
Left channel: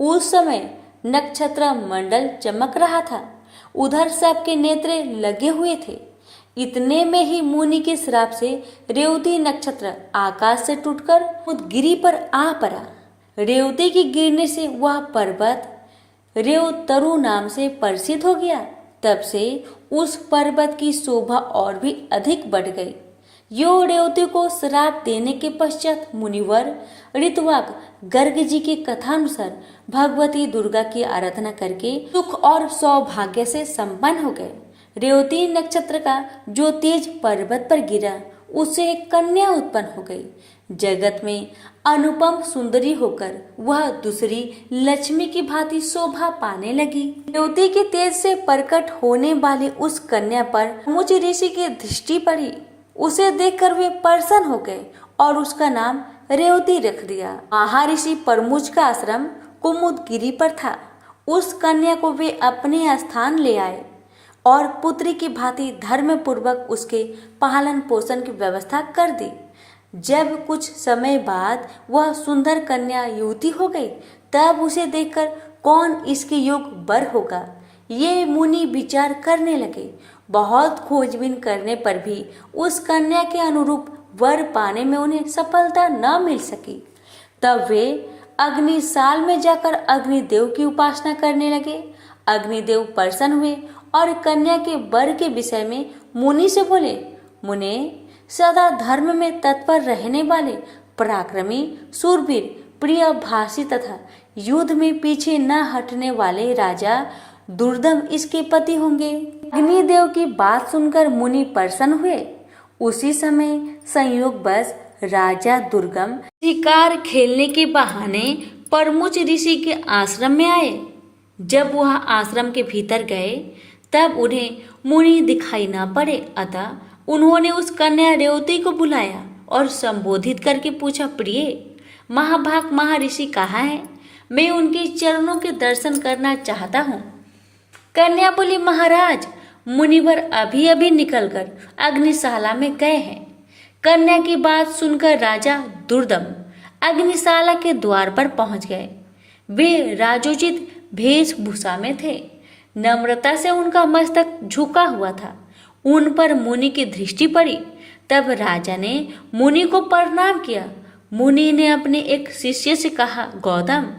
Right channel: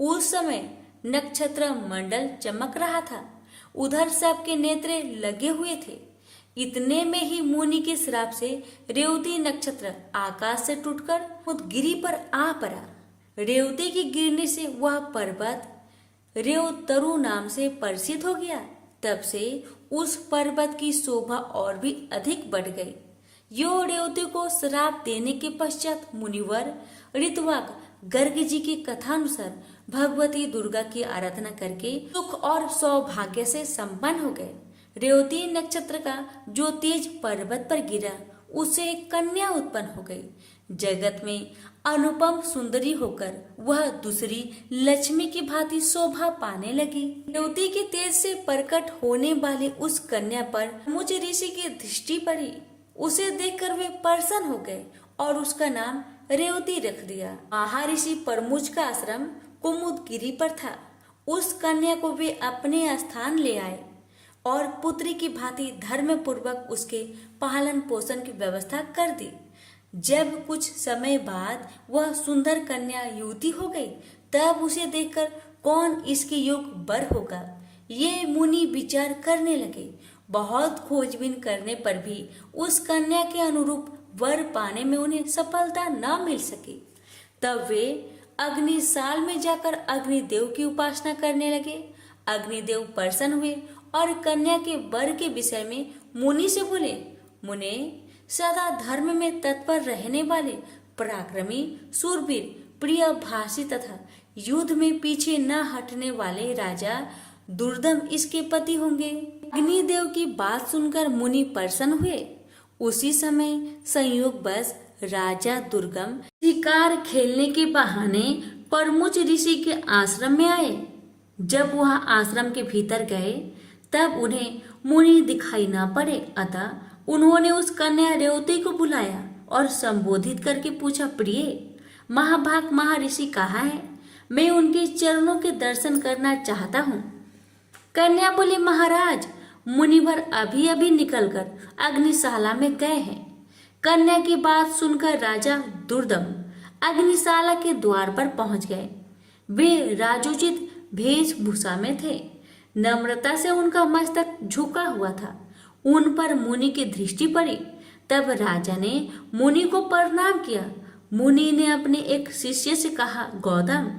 उस समय नक्षत्र मंडल चमक रहा था, उधर सबके नेत्र लगे हुए थे। इतने में ही मुनि के श्राप से रेवती नक्षत्र आकाश से टूटकर उदगिरी पर आ पड़ा। रेवती के गिरने से वह पर्वत रेवतरु नाम से प्रसिद्ध हो गया। तब से उस पर्वत की शोभा और भी अधिक बढ़ गई। यो रेवती को श्राप देने के पश्चात मुनिवर ऋतुवाक गर्ग जी के कथानुसार भगवती दुर्गा की आराधना करके सुख और सौभाग्य से संपन्न हो गए। रेवती नक्षत्र का जो तेज पर्वत पर गिरा, उससे एक कन्या उत्पन्न हो गई। जगत में अनुपम सुंदरी होकर वह दूसरी लक्ष्मी की भांति शोभा पाने लगी। रेवती के तेज से प्रकट होने वाली उस कन्या पर मुझ ऋषि की दृष्टि पड़ी। उसे देखकर वे प्रसन्न हो गए और उसका नाम रेवती रख दिया। महर्षि परमुज का आश्रम कुमुदगिरी पर था। उस कन्या को वे अपने स्थान ले आए और पुत्री की भांति धर्म पूर्वक उसके पालन पोषण की व्यवस्था कर दी। जब कुछ समय बाद वह सुंदर कन्या युवती हो गई, तब उसे देखकर कौन इसके योग्य वर होगा, ये मुनि विचार करने लगे। बहुत खोजबीन करने पर भी उस कन्या के अनुरूप वर पाने में उन्हें सफलता न मिल सकी। तब वे अग्निशाल में जाकर अग्निदेव की उपासना करने लगे। अग्निदेव प्रसन्न हुए और कन्या के वर के विषय में मुनि से बोले, मुने सदा धर्म में तत्पर रहने वाले पराक्रमी शूरवीर प्रिय भाषी तथा युद्ध में पीछे न हटने वाले राजा दुर्दम इसके पति होंगे। अग्निदेव की बात सुनकर मुनि प्रसन्न हुए। उसी समय संयोगवश राजा दुर्गम शिकार खेलने के बहाने परमुच ऋषि के आश्रम में आए। जब वह आश्रम के भीतर गए तब उन्हें मुनि दिखाई ना पड़े, अतः उन्होंने उस कन्या रेवती को बुलाया और संबोधित करके पूछा, प्रिय महाभाग महर्षि कहाँ है? मैं उनके चरणों के दर्शन करना चाहता हूँ। कन्या बोली, महाराज मुनिवर अभी अभी निकलकर अग्निशाला में गए हैं। कन्या की बात सुनकर राजा दुर्दम अग्निशाला के द्वार पर पहुंच गए। वे राजोचित वेशभूषा में थे। नम्रता से उनका मस्तक झुका हुआ था। उन पर मुनि की दृष्टि पड़ी। तब राजा ने मुनि को प्रणाम किया। मुनि ने अपने एक शिष्य से कहा, गौतम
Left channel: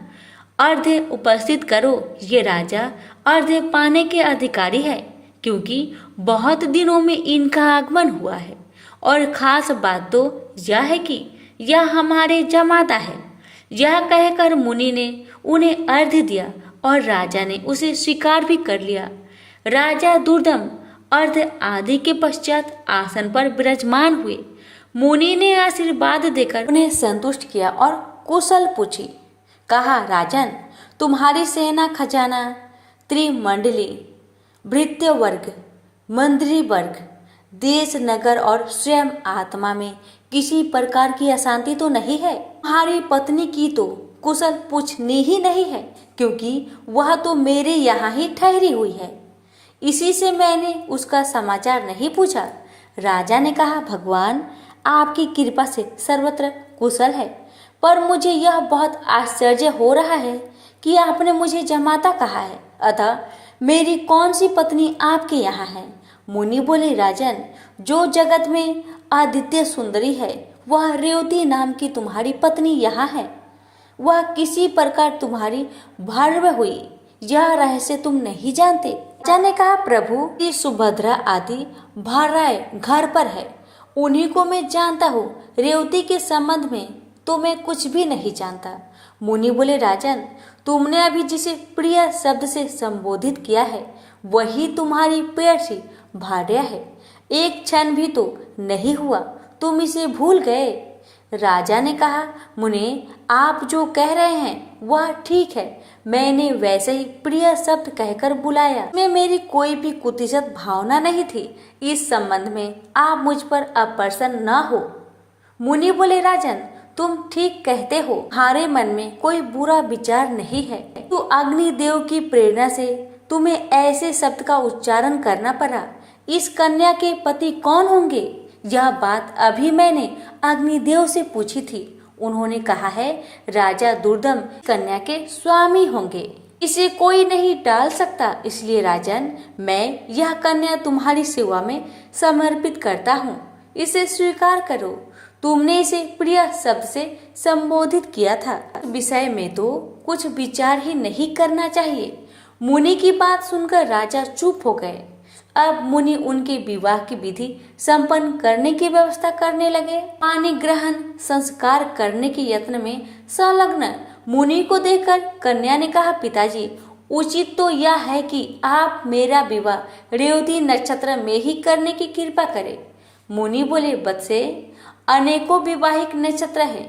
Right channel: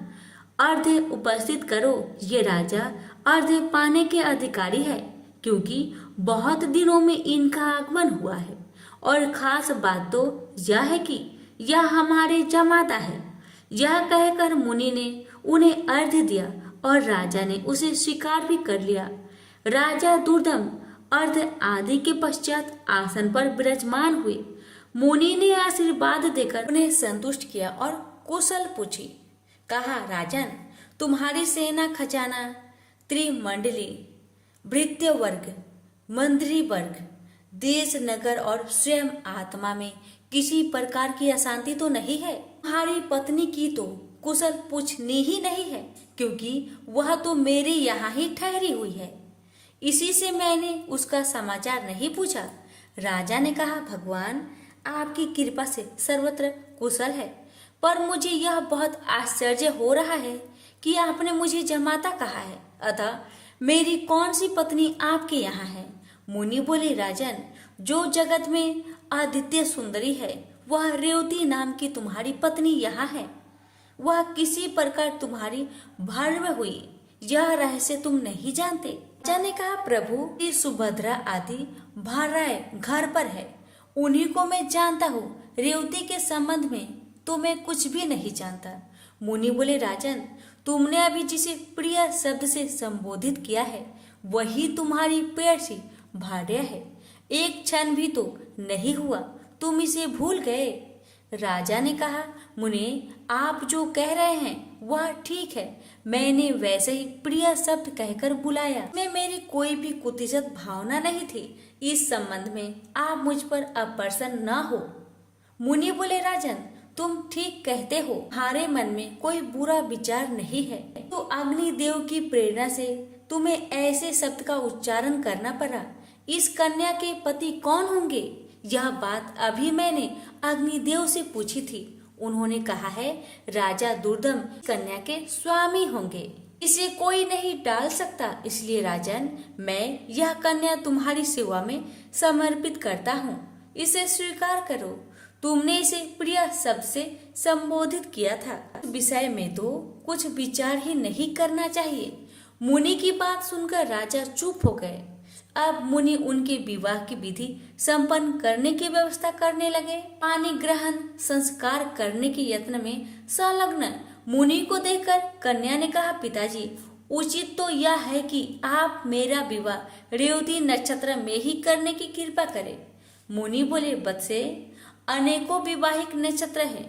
अर्घ्य उपस्थित करो। ये राजा अर्घ्य पाने के अधिकारी है, क्योंकि बहुत दिनों में इनका आगमन हुआ है। और खास बात तो यह है कि यह हमारे जमाता है। यह कहकर मुनि ने उन्हें अर्घ्य दिया और राजा ने उसे स्वीकार भी कर लिया। राजा दुर्दम अर्घ्य आदि के पश्चात आसन पर विराजमान हुए। मुनि ने आशीर्वाद देकर उन्हें संतुष्ट किया और कुशल पूछी। कहा, राजन तुम्हारी सेना खजाना, त्रिमंडली, भृत्य वर्ग, मंत्री वर्ग, देश नगर और स्वयं आत्मा में किसी प्रकार की अशांति तो नहीं है? तुम्हारी पत्नी की तो कुशल पूछनी ही नहीं है, क्योंकि वह तो मेरे यहाँ ही ठहरी हुई है। इसी से मैंने उसका समाचार नहीं पूछा। राजा ने कहा, भगवान आपकी कृपा से सर्वत्र कुशल है, पर मुझे यह बहुत आश्चर्य हो रहा है कि आपने मुझे जमाता कहा है, अतः मेरी कौन सी पत्नी आपके यहाँ है? मुनि बोले, राजन जो जगत में आदित्य सुंदरी है वह रेवती नाम की तुम्हारी पत्नी यहाँ है। वह किसी प्रकार तुम्हारी भार्या हुई, यह रहस्य तुम नहीं जानते। राजा ने कहा, प्रभु की सुभद्रा आदि भार्याएं घर पर है, उन्हीं को मैं जानता हूँ। रेवती के संबंध में तो मैं कुछ भी नहीं जानता। मुनि बोले, राजन तुमने अभी जिसे प्रिय शब्द से संबोधित किया है वही तुम्हारी प्रेयसी भार्या है। एक क्षण भी तो नहीं हुआ तुम इसे भूल गए। राजा ने कहा, मुनि आप जो कह रहे हैं वह ठीक है। मैंने वैसे ही प्रिय शब्द कहकर बुलाया। में मेरी कोई भी कुतिसित भावना नहीं थी। इस संबंध में आप मुझ पर अप्रसन्न न हो। मुनि बोले, राजन तुम ठीक कहते हो, तुम्हारे मन में कोई बुरा विचार नहीं है। तो अग्निदेव की प्रेरणा से तुम्हें ऐसे शब्द का उच्चारण करना पड़ा। इस कन्या के पति कौन होंगे? यह बात अभी मैंने अग्निदेव से पूछी थी। उन्होंने कहा है राजा दुर्दम कन्या के स्वामी होंगे। इसे कोई नहीं टाल सकता। इसलिए राजन मैं यह कन्या तुम्हारी सेवा में समर्पित करता हूँ। इसे स्वीकार करो। तुमने इसे प्रिय शब्द से संबोधित किया था। विषय में तो कुछ विचार ही नहीं करना चाहिए। मुनि की बात सुनकर राजा चुप हो गए। अब मुनि उनके विवाह की विधि संपन्न करने की व्यवस्था करने लगे। पानी ग्रहण संस्कार करने के यत्न में संलग्न मुनि को देखकर कन्या ने कहा, पिताजी उचित तो यह है कि आप मेरा विवाह रेवती नक्षत्र में ही करने की कृपा करें। मुनि बोले, बत्से अनेकों विवाहिक नक्षत्र है,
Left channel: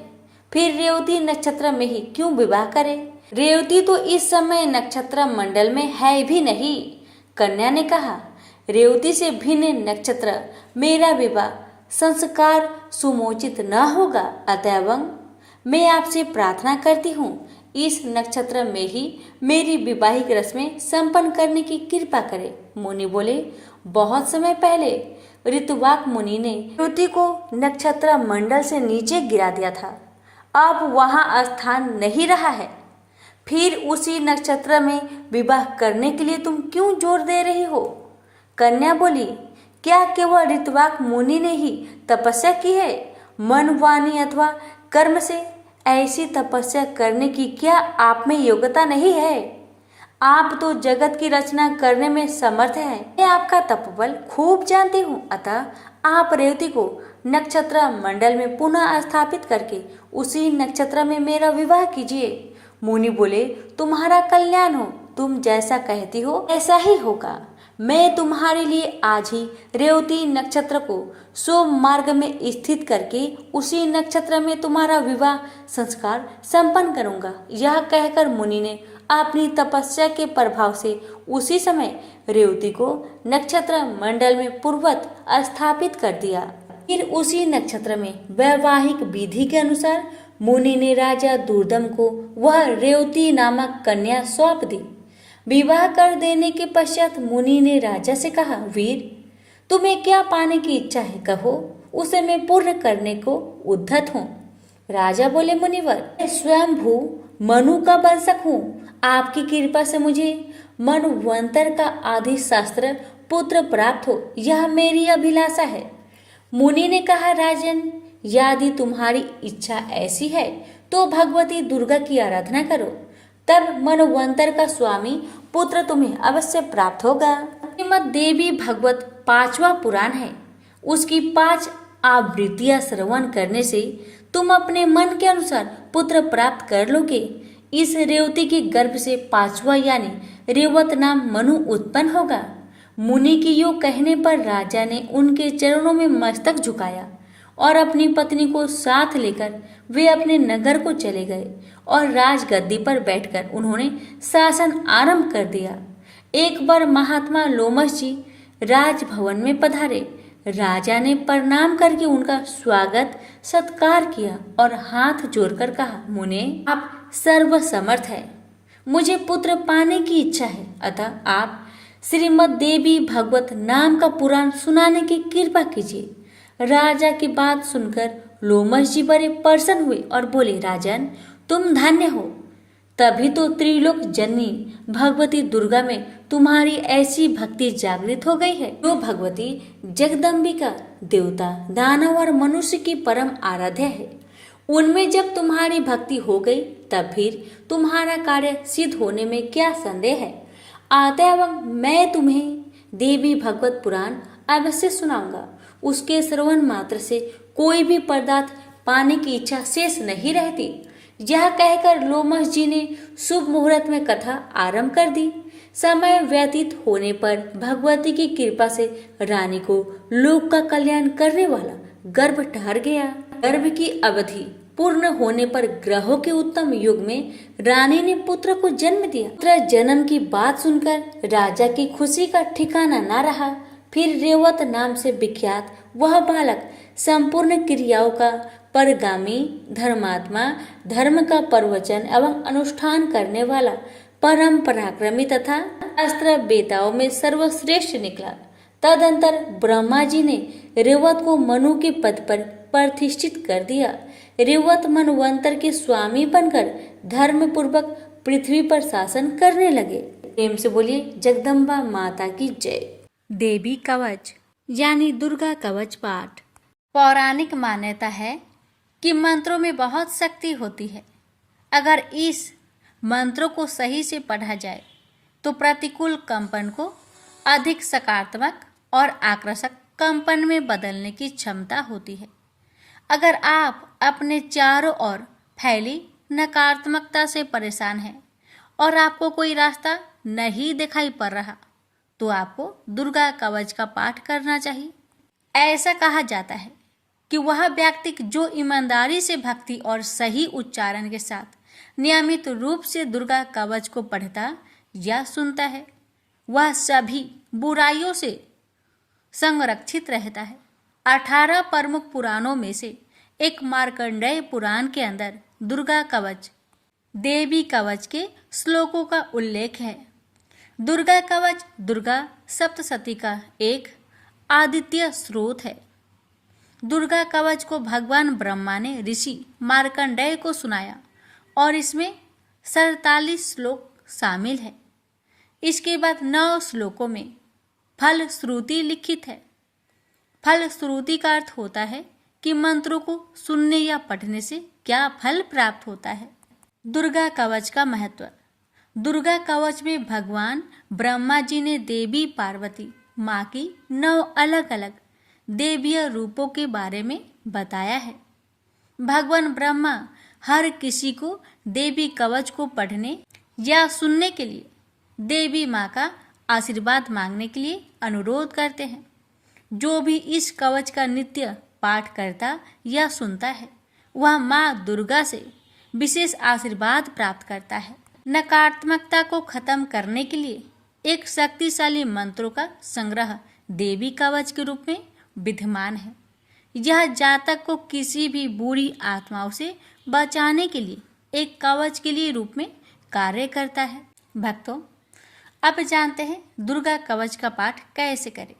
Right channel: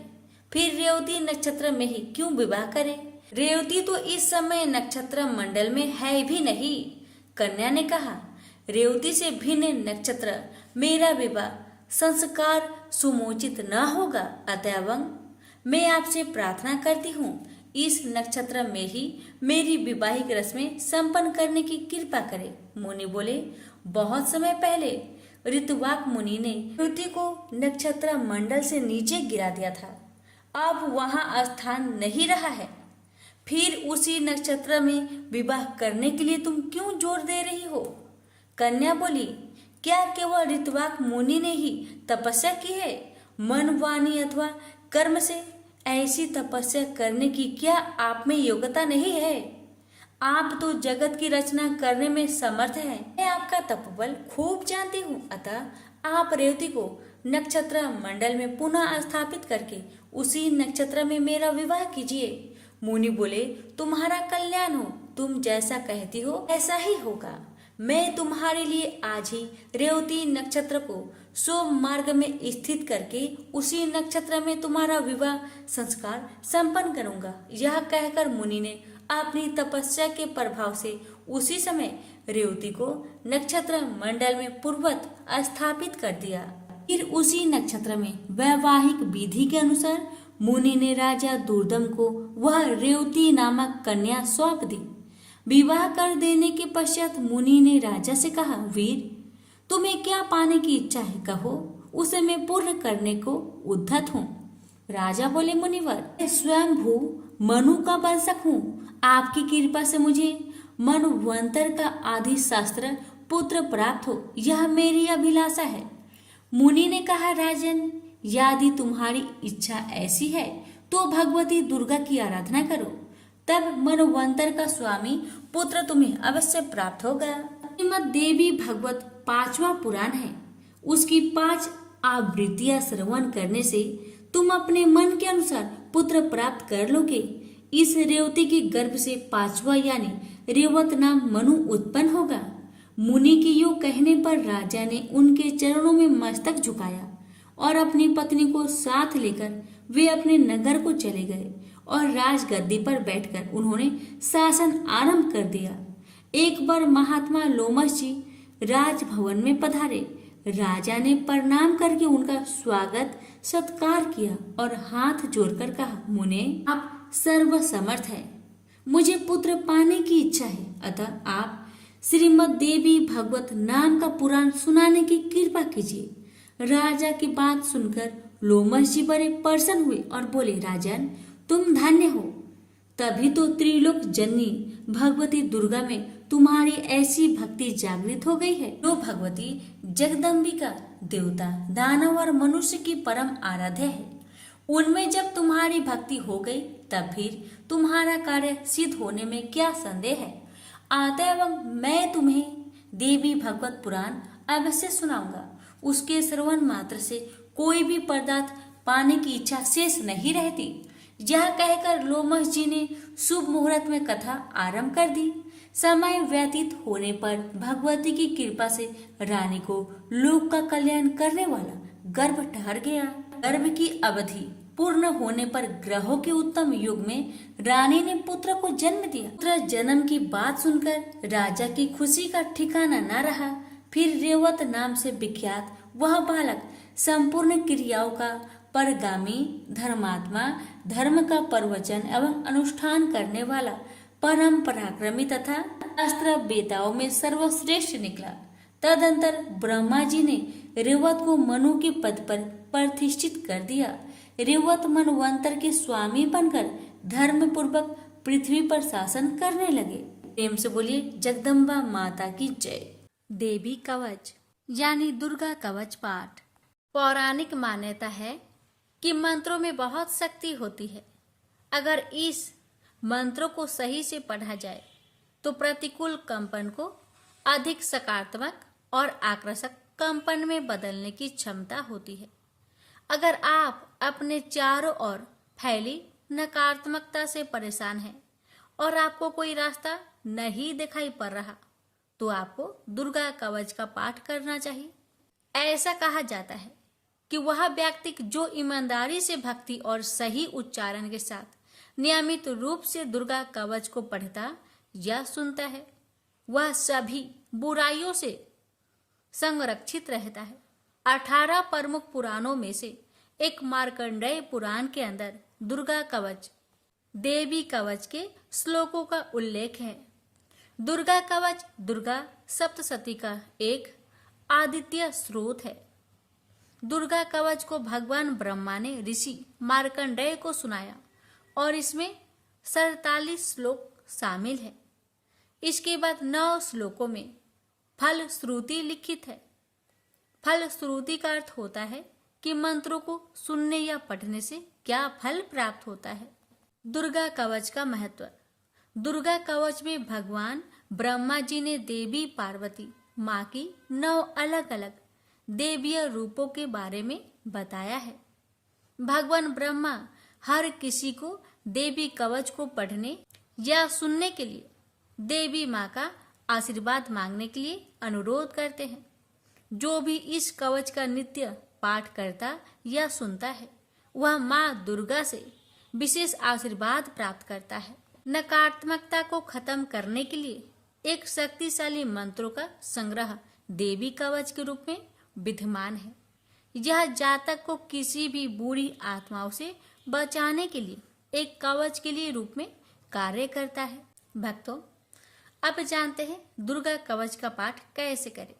फिर रेवती नक्षत्र में ही क्यों विवाह करें? रेवती तो इस समय नक्षत्र मंडल में है भी नहीं। कन्या ने कहा, रेवती से भिन्न नक्षत्र मेरा विवाह संस्कार सुमोचित न होगा। अतएव मैं आपसे प्रार्थना करती हूँ इस नक्षत्र में ही मेरी विवाहिक रस्में संपन्न करने की कृपा करें। मुनि बोले, बहुत समय पहले ऋतुवाक मुनि ने रेवती को नक्षत्र मंडल से नीचे गिरा दिया था। अब वहाँ स्थान नहीं रहा है। फिर उसी नक्षत्र में विवाह करने के लिए तुम क्यों जोर दे रही हो? कन्या बोली, क्या केवल ऋतुवाक मुनि ने ही तपस्या की है? मन वाणी अथवा कर्म से ऐसी तपस्या करने की क्या आप में योग्यता नहीं है? आप तो जगत की रचना करने में समर्थ हैं। मैं आपका तपबल खूब जानती हूँ। अतः आप रेवती को नक्षत्र मंडल में पुनः स्थापित करके उसी नक्षत्र में मेरा विवाह कीजिए। मुनि बोले, तुम्हारा कल्याण हो। तुम जैसा कहती हो ऐसा ही होगा। मैं तुम्हारे लिए आज ही रेवती नक्षत्र को शुभ मार्ग में स्थित करके उसी नक्षत्र में तुम्हारा विवाह संस्कार संपन्न करूंगा। यह कहकर मुनि ने अपनी तपस्या के प्रभाव से उसी समय रेवती को नक्षत्र मंडल में पूर्ववत स्थापित कर दिया। फिर उसी नक्षत्र में वैवाहिक विधि के अनुसार मुनि ने राजा दुर्दम को वह रेवती नामक कन्या सौंप दी। विवाह कर देने के पश्चात मुनि ने राजा से कहा, वीर, तुम्हें क्या पाने की इच्छा है, कहो, उसे मैं पूर्ण करने को उद्धत हूँ। राजा बोले, मुनिवर, मैं स्वयंभू मनु का वंशक हूँ। आपकी कृपा से मुझे मनवंतर का आदि शास्त्र पुत्र प्राप्त हो, यह मेरी अभिलाषा है। मुनि ने कहा, राजन, यदि तुम्हारी इच्छा ऐसी है तो भगवती दुर्गा की आराधना करो, तब मनवंतर का स्वामी पुत्र तुम्हें अवश्य प्राप्त होगा। श्रीमद् देवी भागवत 5वां पुराण है। उसकी 5 आवृत्तियां श्रवण करने से तुम अपने मन के अनुसार पुत्र प्राप्त कर लोगे। इस रेवती के गर्भ से 5वां यानी रेवत नाम मनु उत्पन्न होगा। मुनि की यो कहने पर राजा ने उनके चरणों में मस्तक झुकाया और अपनी पत्नी को साथ लेकर वे अपने नगर को चले गए और राजगद्दी पर बैठकर उन्होंने शासन आरंभ कर दिया। एक बार महात्मा लोमश जी राजभवन में पधारे। राजा ने प्रणाम करके उनका स्वागत सत्कार किया और हाथ जोड़कर कहा, मुने, आप सर्वसमर्थ है, मुझे पुत्र पाने की इच्छा है, अतः आप श्रीमद् देवी भागवत नाम का पुराण सुनाने की कृपा कीजिए। राजा की बात सुनकर लोमश जी बड़े प्रसन्न हुए और बोले, राजन, तुम धन्य हो। तभी तो त्रिलोक जननी भगवती दुर्गा में तुम्हारी ऐसी भक्ति जागृत हो गई है। जो भगवती जगदम्बिका देवता, दानव और मनुष्य की परम आराध्य है, उनमें जब तुम्हारी भक्ति हो गई तब फिर तुम्हारा कार्य सिद्ध होने में क्या संदेह है। अतएव मैं तुम्हें देवी भगवत पुराण अवश्य सुनाऊंगा। उसके श्रवण मात्र से कोई भी पदार्थ पाने की इच्छा शेष नहीं रहती। यह कहकर लोमश जी ने शुभ मुहूर्त में कथा आरंभ कर दी। समय व्यतीत होने पर भगवती की कृपा से रानी को लोक का कल्याण करने वाला गर्भ ठहर गया। गर्भ की अवधि पूर्ण होने पर ग्रहों के उत्तम युग में रानी ने पुत्र को जन्म दिया। पुत्र जन्म की बात सुनकर राजा की खुशी का ठिकाना न रहा। फिर रेवत नाम से विख्यात वह बालक संपूर्ण क्रियाओं का परगामी, धर्मात्मा, धर्म का प्रवचन एवं अनुष्ठान करने वाला, परम पराक्रमी तथा अस्त्र बेताओं में सर्वश्रेष्ठ निकला। तदंतर ब्रह्मा जी ने रेवत को मनु के पद पर प्रतिष्ठित कर दिया। रेवत मनवंतर के स्वामी बनकर धर्म पूर्वक पृथ्वी पर शासन करने लगे। प्रेम से बोलिए जगदम्बा माता की जय। देवी कवच यानी दुर्गा कवच पाठ। पौराणिक मान्यता है कि मंत्रों में बहुत शक्ति होती है। अगर इस मंत्रों को सही से पढ़ा जाए तो प्रतिकूल कंपन को अधिक सकारात्मक और आकर्षक कंपन में बदलने की क्षमता होती है। अगर आप अपने चारों ओर फैली नकारात्मकता से परेशान हैं और आपको कोई रास्ता नहीं दिखाई पड़ रहा, तो आपको दुर्गा कवच का पाठ करना चाहिए। ऐसा कहा जाता है कि वह व्यक्ति जो ईमानदारी से भक्ति और सही उच्चारण के साथ नियमित रूप से दुर्गा कवच को पढ़ता या सुनता है, वह सभी बुराइयों से संरक्षित रहता है। 18 प्रमुख पुराणों में से एक मार्कंडेय पुराण के अंदर दुर्गा कवच, देवी कवच के श्लोकों का उल्लेख है। दुर्गा कवच दुर्गा सप्तशती का एक आदित्य स्रोत है। दुर्गा कवच को भगवान ब्रह्मा ने ऋषि मार्कंडेय को सुनाया और इसमें 47 श्लोक शामिल है। इसके बाद 9 श्लोकों में फल श्रुति लिखित है। फल श्रुति का अर्थ होता है कि मंत्रों को सुनने या पढ़ने से क्या फल प्राप्त होता है। दुर्गा कवच का महत्व। दुर्गा कवच में भगवान ब्रह्मा जी ने देवी पार्वती माँ की 9 अलग अलग देवीय रूपों के बारे में बताया है। भगवान ब्रह्मा हर किसी को देवी कवच को पढ़ने या सुनने के लिए देवी माँ का आशीर्वाद मांगने के लिए अनुरोध करते हैं। जो भी इस कवच का नित्य पाठ करता या सुनता है वह माँ दुर्गा से विशेष आशीर्वाद प्राप्त करता है। नकारात्मकता को खत्म करने के लिए एक शक्तिशाली मंत्रों का संग्रह देवी कवच के रूप में विद्यमान है। यह जातक को किसी भी बुरी आत्माओं से बचाने के लिए एक कवच के लिए रूप में कार्य करता है। भक्तों, अब जानते हैं दुर्गा कवच का पाठ कैसे करें।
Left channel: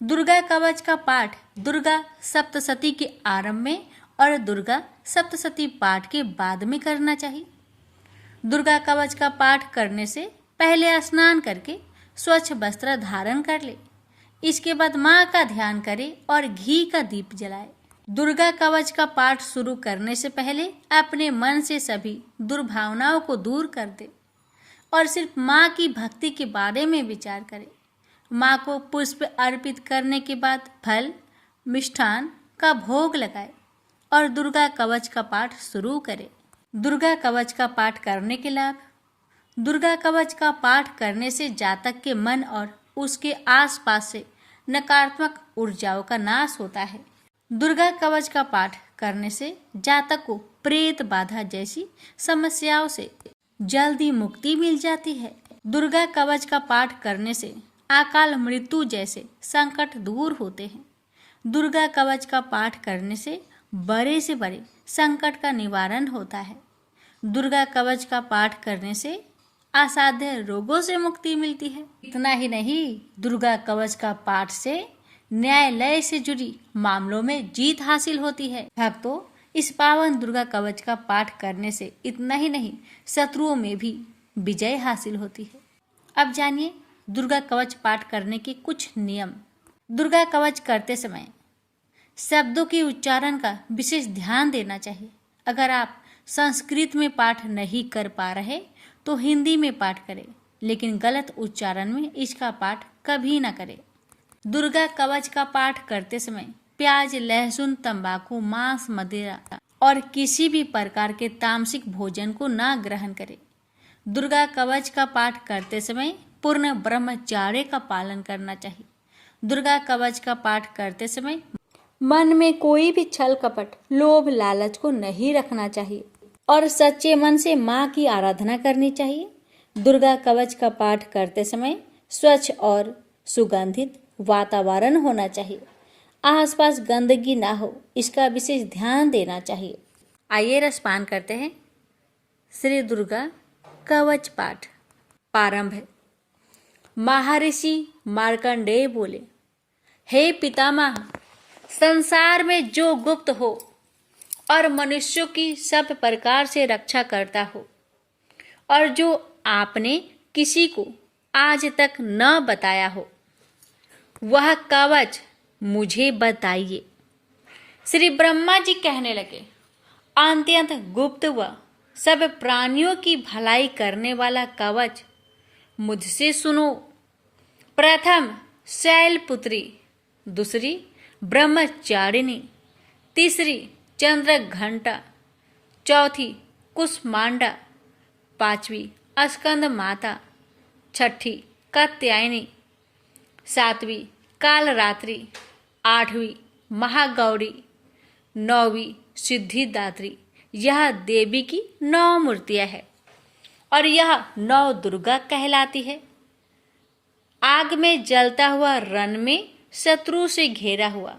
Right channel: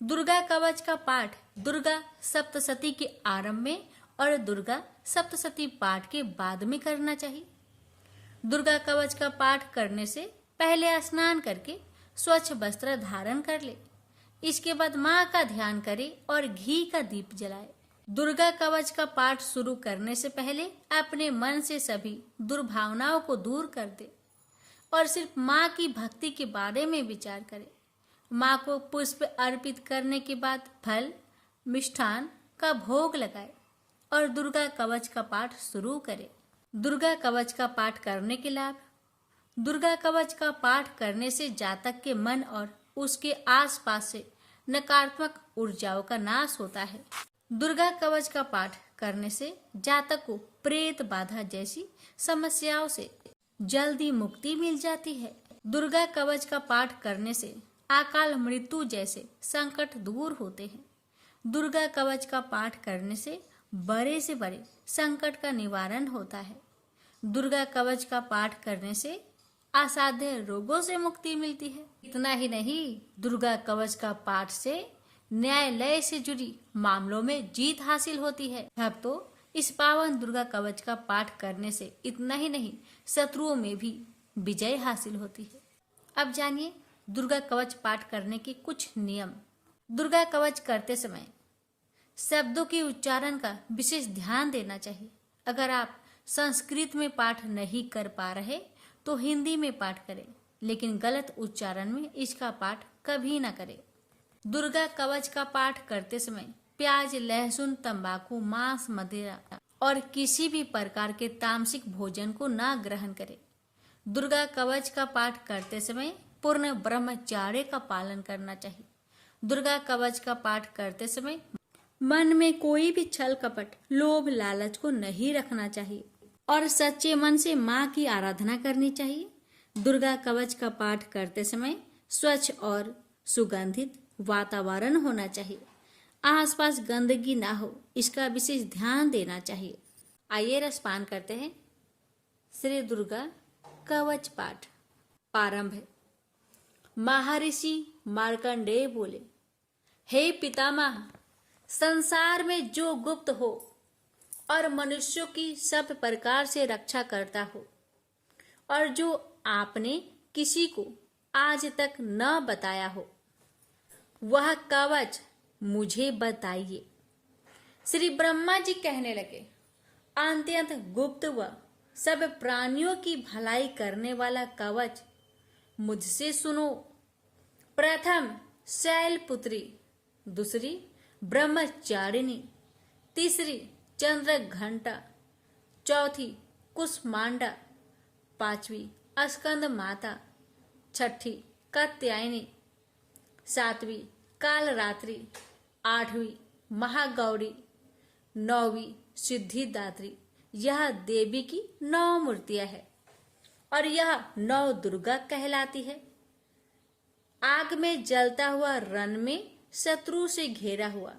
दुर्गा कवच का पाठ दुर्गा सप्तशती के आरंभ में और दुर्गा सप्तशती पाठ के बाद में करना चाहिए। दुर्गा कवच का पाठ करने से पहले स्नान करके स्वच्छ वस्त्र धारण कर ले। इसके बाद माँ का ध्यान करे और घी का दीप जलाए। दुर्गा कवच का पाठ शुरू करने से पहले अपने मन से सभी दुर्भावनाओं को दूर कर दे और सिर्फ माँ की भक्ति के बारे में विचार करे। माँ को पुष्प अर्पित करने के बाद फल मिष्ठान का भोग लगाए और दुर्गा कवच का पाठ शुरू करे। दुर्गा कवच का पाठ करने के लाभ। दुर्गा कवच का पाठ करने से जातक के मन और उसके आसपास से नकारात्मक ऊर्जाओं का नाश होता है। दुर्गा कवच का पाठ करने से जातक को प्रेत बाधा जैसी समस्याओं से जल्दी मुक्ति मिल जाती है। दुर्गा कवच का पाठ करने से अकाल मृत्यु जैसे संकट दूर होते हैं। दुर्गा कवच का पाठ करने से बड़े से बड़े संकट का निवारण होता है। दुर्गा कवच का पाठ करने से असाध्य रोगों से मुक्ति मिलती है। इतना ही नहीं, दुर्गा कवच का पाठ से न्यायालय से जुड़ी मामलों में जीत हासिल होती है। भक्तों, इस पावन दुर्गा कवच का पाठ करने से इतना ही नहीं, शत्रुओं में भी विजय हासिल होती है। अब जानिए दुर्गा कवच पाठ करने के कुछ नियम। दुर्गा कवच करते समय शब्दों के उच्चारण का विशेष ध्यान देना चाहिए। अगर आप संस्कृत में पाठ नहीं कर पा रहे तो हिंदी में पाठ करें, लेकिन गलत उच्चारण में इसका पाठ कभी ना करें। दुर्गा कवच का पाठ करते समय प्याज, लहसुन, तंबाकू, मांस, मदिरा और किसी भी प्रकार के तामसिक भोजन को ना ग्रहण करें। दुर्गा कवच का पाठ करते समय पूर्ण ब्रह्मचर्य का पालन करना चाहिए। दुर्गा कवच का पाठ करते समय मन में कोई भी छल कपट, लोभ, लालच को नहीं रखना चाहिए और सच्चे मन से माँ की आराधना करनी चाहिए। दुर्गा कवच का पाठ करते समय स्वच्छ और सुगंधित वातावरण होना चाहिए। आसपास गंदगी ना हो, इसका विशेष ध्यान देना चाहिए। आइए रसपान करते हैं। श्री दुर्गा कवच पाठ प्रारंभ है। महर्षि मार्कंडेय बोले, हे पितामह, संसार में जो गुप्त हो और मनुष्यों की सब प्रकार से रक्षा करता हो और जो आपने किसी को आज तक न बताया हो, वह कवच मुझे बताइए। श्री ब्रह्मा जी कहने लगे, अत्यंत गुप्त व सब प्राणियों की भलाई करने वाला कवच मुझसे सुनो। प्रथम शैलपुत्री, दूसरी ब्रह्मचारिणी, तीसरी चंद्र घंटा, चौथी कुष्मांडा, पांचवी स्कंद माता, छठी कात्यायनी, सातवीं कालरात्रि, आठवीं महागौरी, नौवीं सिद्धिदात्री। यह देवी की 9 मूर्तियां हैं और यह 9 दुर्गा कहलाती है। आग में जलता हुआ रण में शत्रु से घेरा हुआ,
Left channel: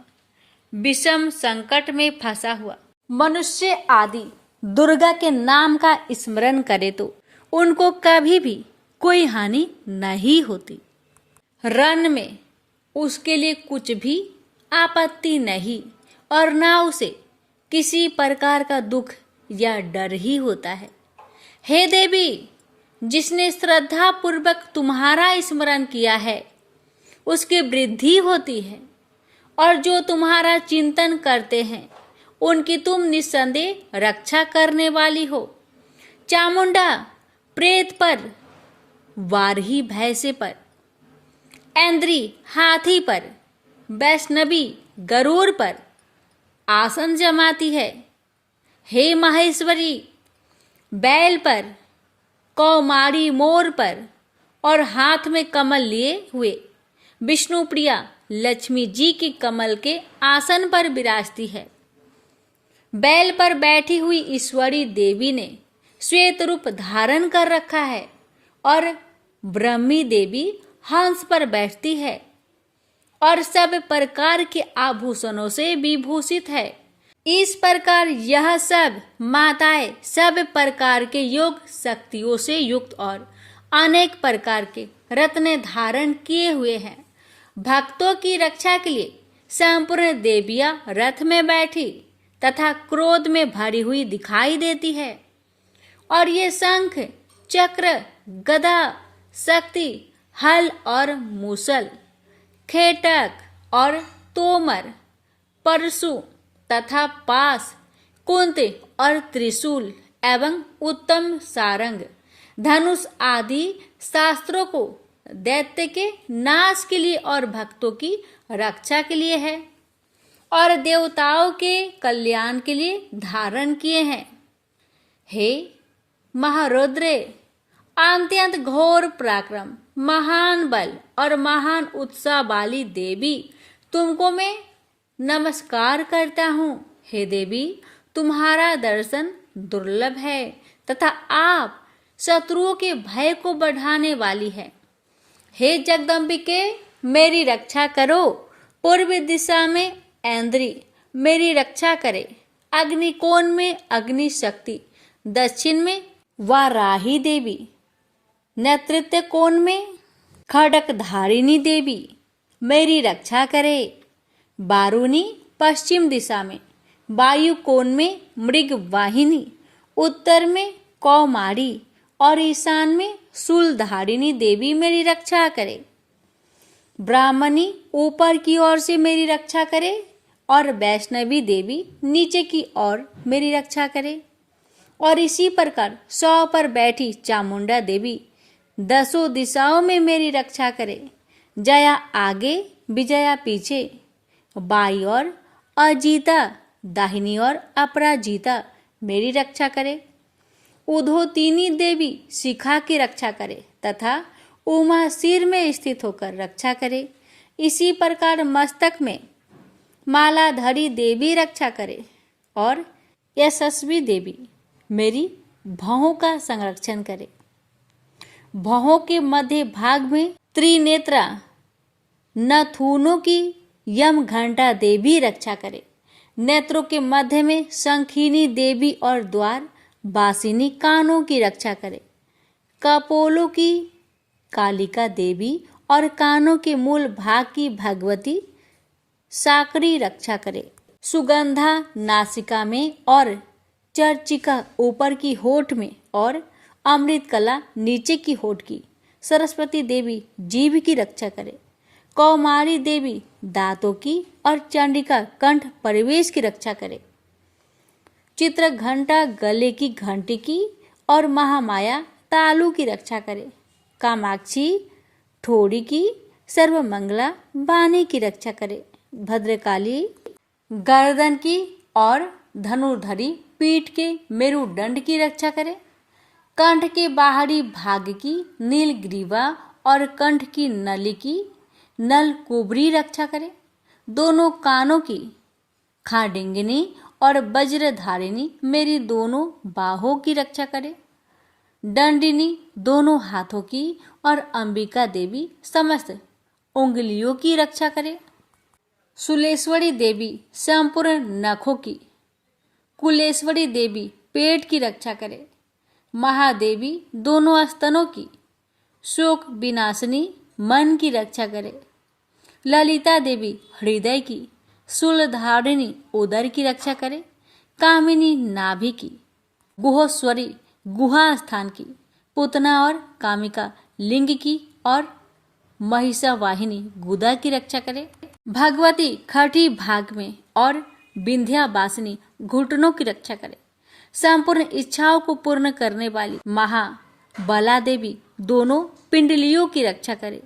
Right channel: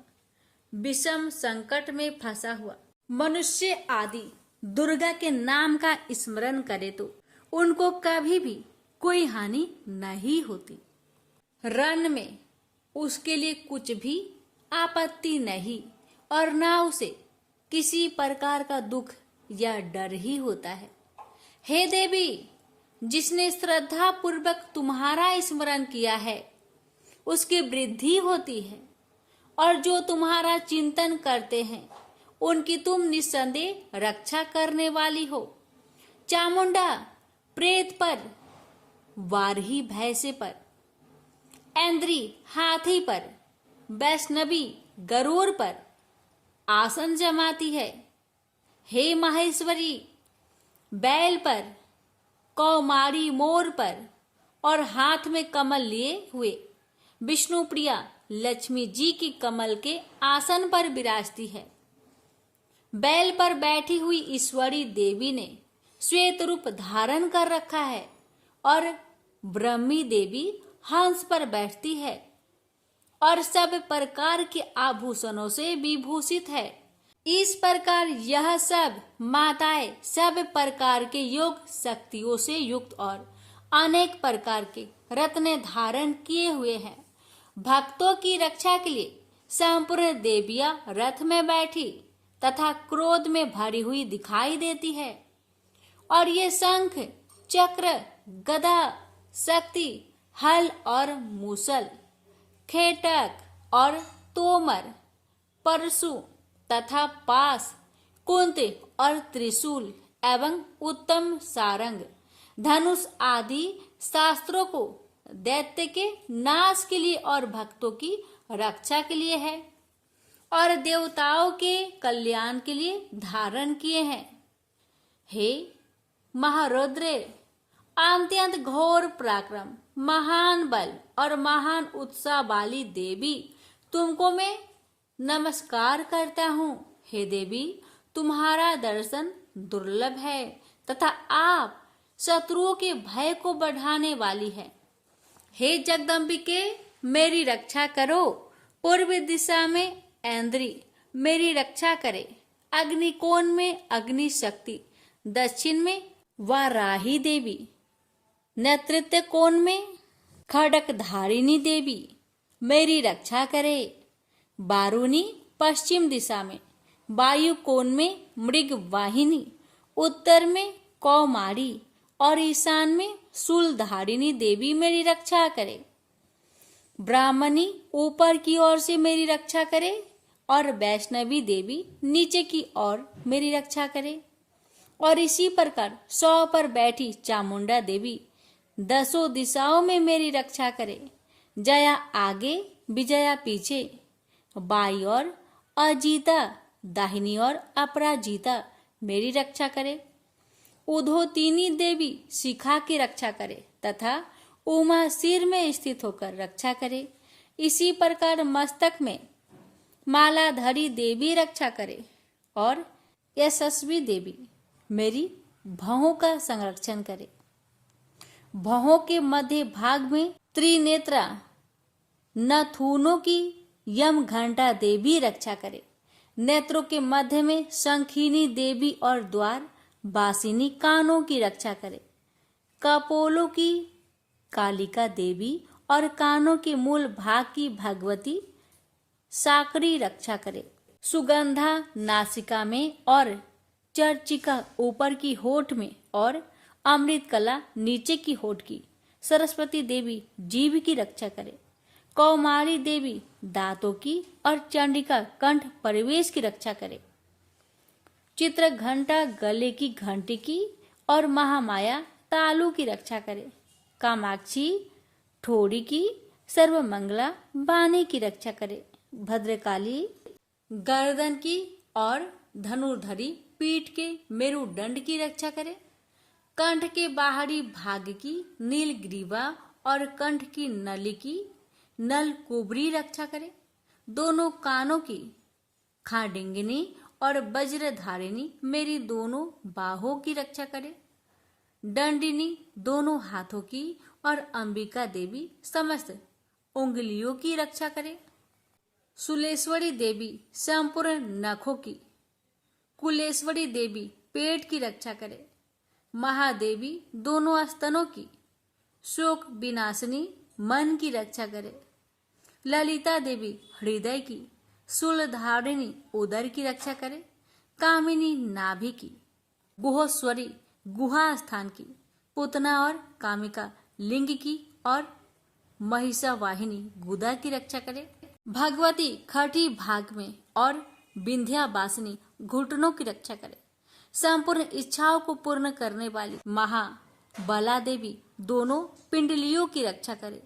विषम संकट में फंसा हुआ मनुष्य आदि दुर्गा के नाम का स्मरण करे तो उनको कभी भी कोई हानि नहीं होती। रण में उसके लिए कुछ भी आपत्ति नहीं और ना उसे किसी प्रकार का दुख या डर ही होता है। हे देवी, जिसने श्रद्धा पूर्वक तुम्हारा स्मरण किया है उसकी वृद्धि होती है और जो तुम्हारा चिंतन करते हैं उनकी तुम निस्संदेह रक्षा करने वाली हो। चामुंडा प्रेत पर, वारही भैंसे पर, ऐन्द्री हाथी पर, वैष्णवी गरुड़ पर आसन जमाती है। हे महेश्वरी बैल पर, कौमारी मोर पर और हाथ में कमल लिए हुए विष्णु प्रिया लक्ष्मी जी की कमल के आसन पर विराजती है। बैल पर बैठी हुई ईश्वरी देवी ने श्वेत रूप धारण कर रखा है और ब्रह्मी देवी हंस पर बैठती है और सब प्रकार के आभूषणों से विभूषित है। इस प्रकार यह सब माताएं सब प्रकार के योग शक्तियों से युक्त और अनेक प्रकार के रत्न धारण किए हुए हैं। भक्तों की रक्षा के लिए संपूर्ण देवियां रथ में बैठी तथा क्रोध में भरी हुई दिखाई देती है और ये शंख, चक्र, गदा, शक्ति, हल और मूसल, खेटक और तोमर, परशु तथा पास, कुंती और त्रिशूल एवं उत्तम सारंग, धनुष आदि शास्त्रों को दैत्य के नाश के लिए और भक्तों की रक्षा के लिए है और देवताओं के कल्याण के लिए धारण किए हैं। हे महारुद्रे, अत्यंत घोर पराक्रम, महान बल और महान उत्साह वाली देवी, तुमको मैं नमस्कार करता हूँ। हे देवी, तुम्हारा दर्शन दुर्लभ है तथा आप शत्रुओं के भय को बढ़ाने वाली है। हे जगदम्बिके, मेरी रक्षा करो। पूर्व दिशा में ऐन्द्री मेरी रक्षा करे। अग्निकोण में अग्नि शक्ति, दक्षिण में वाराही देवी, नेतृत्व कोण में खड़क धारिणी देवी मेरी रक्षा करे। बारूनी पश्चिम दिशा में, वायु कोण में मृग वाहिनी, उत्तर में कौमारी और ईशान में शूलधारिणी देवी मेरी रक्षा करे। ब्राह्मणी ऊपर की ओर से मेरी रक्षा करे और वैष्णवी देवी नीचे की ओर मेरी रक्षा करे। और इसी प्रकार 100 पर बैठी चामुंडा देवी 10 दिशाओं में मेरी रक्षा करे। जया आगे, विजया पीछे, बाई और अजीता, दाहिनी और अपराजिता मेरी रक्षा करे। उधोतिनी देवी शिखा की रक्षा करे तथा उमा सिर में स्थित होकर रक्षा करे। इसी प्रकार मस्तक में मालाधरी देवी रक्षा करे और यशस्वी देवी मेरी भौहों का संरक्षण करे। भौहों के मध्य भाग में त्रिनेत्रा नथुनों की यम घंटा देवी रक्षा करे। नेत्रों के मध्य में शंखिनी देवी और द्वार बासिनी कानों की रक्षा करे। कपोलों की कालिका देवी और कानों के मूल भाग की भगवती साकरी रक्षा करे। सुगंधा नासिका में और चर्चिका ऊपर की होठ में और अमृत कला नीचे की होठ की सरस्वती देवी जीभ की रक्षा करे। कौमारी देवी दांतों की और चंडिका कंठ परिवेश की रक्षा करे। चित्र घंटा गले की घंटी की और महामाया तालू की रक्षा करे। कामाक्षी ठोड़ी की, सर्वमंगला बानी की रक्षा करे। भद्रकाली गर्दन की और धनुर्धरी पीठ के मेरुदंड की रक्षा करे। कंठ के बाहरी भाग की नीलग्रीवा और कंठ की नली की नल कुबरी रक्षा करे। दोनों कानों की खाडिंगिनी और वज्रधारिणी मेरी दोनों बाहों की रक्षा करे। दंडिनी दोनों हाथों की और अंबिका देवी समस्त उंगलियों की रक्षा करे। शूलेश्वरी देवी संपूर्ण नखों की, कुलेश्वरी देवी पेट की रक्षा करे। महादेवी दोनों स्तनों की, शोक विनाशिनी मन की रक्षा करे। ललिता देवी हृदय की, शूलधारिणी उदर की रक्षा करे। कामिनी नाभि की, गुहोश्वरी गुहा स्थान की, पुतना और कामिका लिंग की और महिषावाहिनी गुदा की रक्षा करे। भगवती खटी भाग में और विंध्यावासिनी घुटनों की रक्षा करे। संपूर्ण इच्छाओं को पूर्ण करने वाली महाबला देवी दोनों पिंडलियों की रक्षा करे।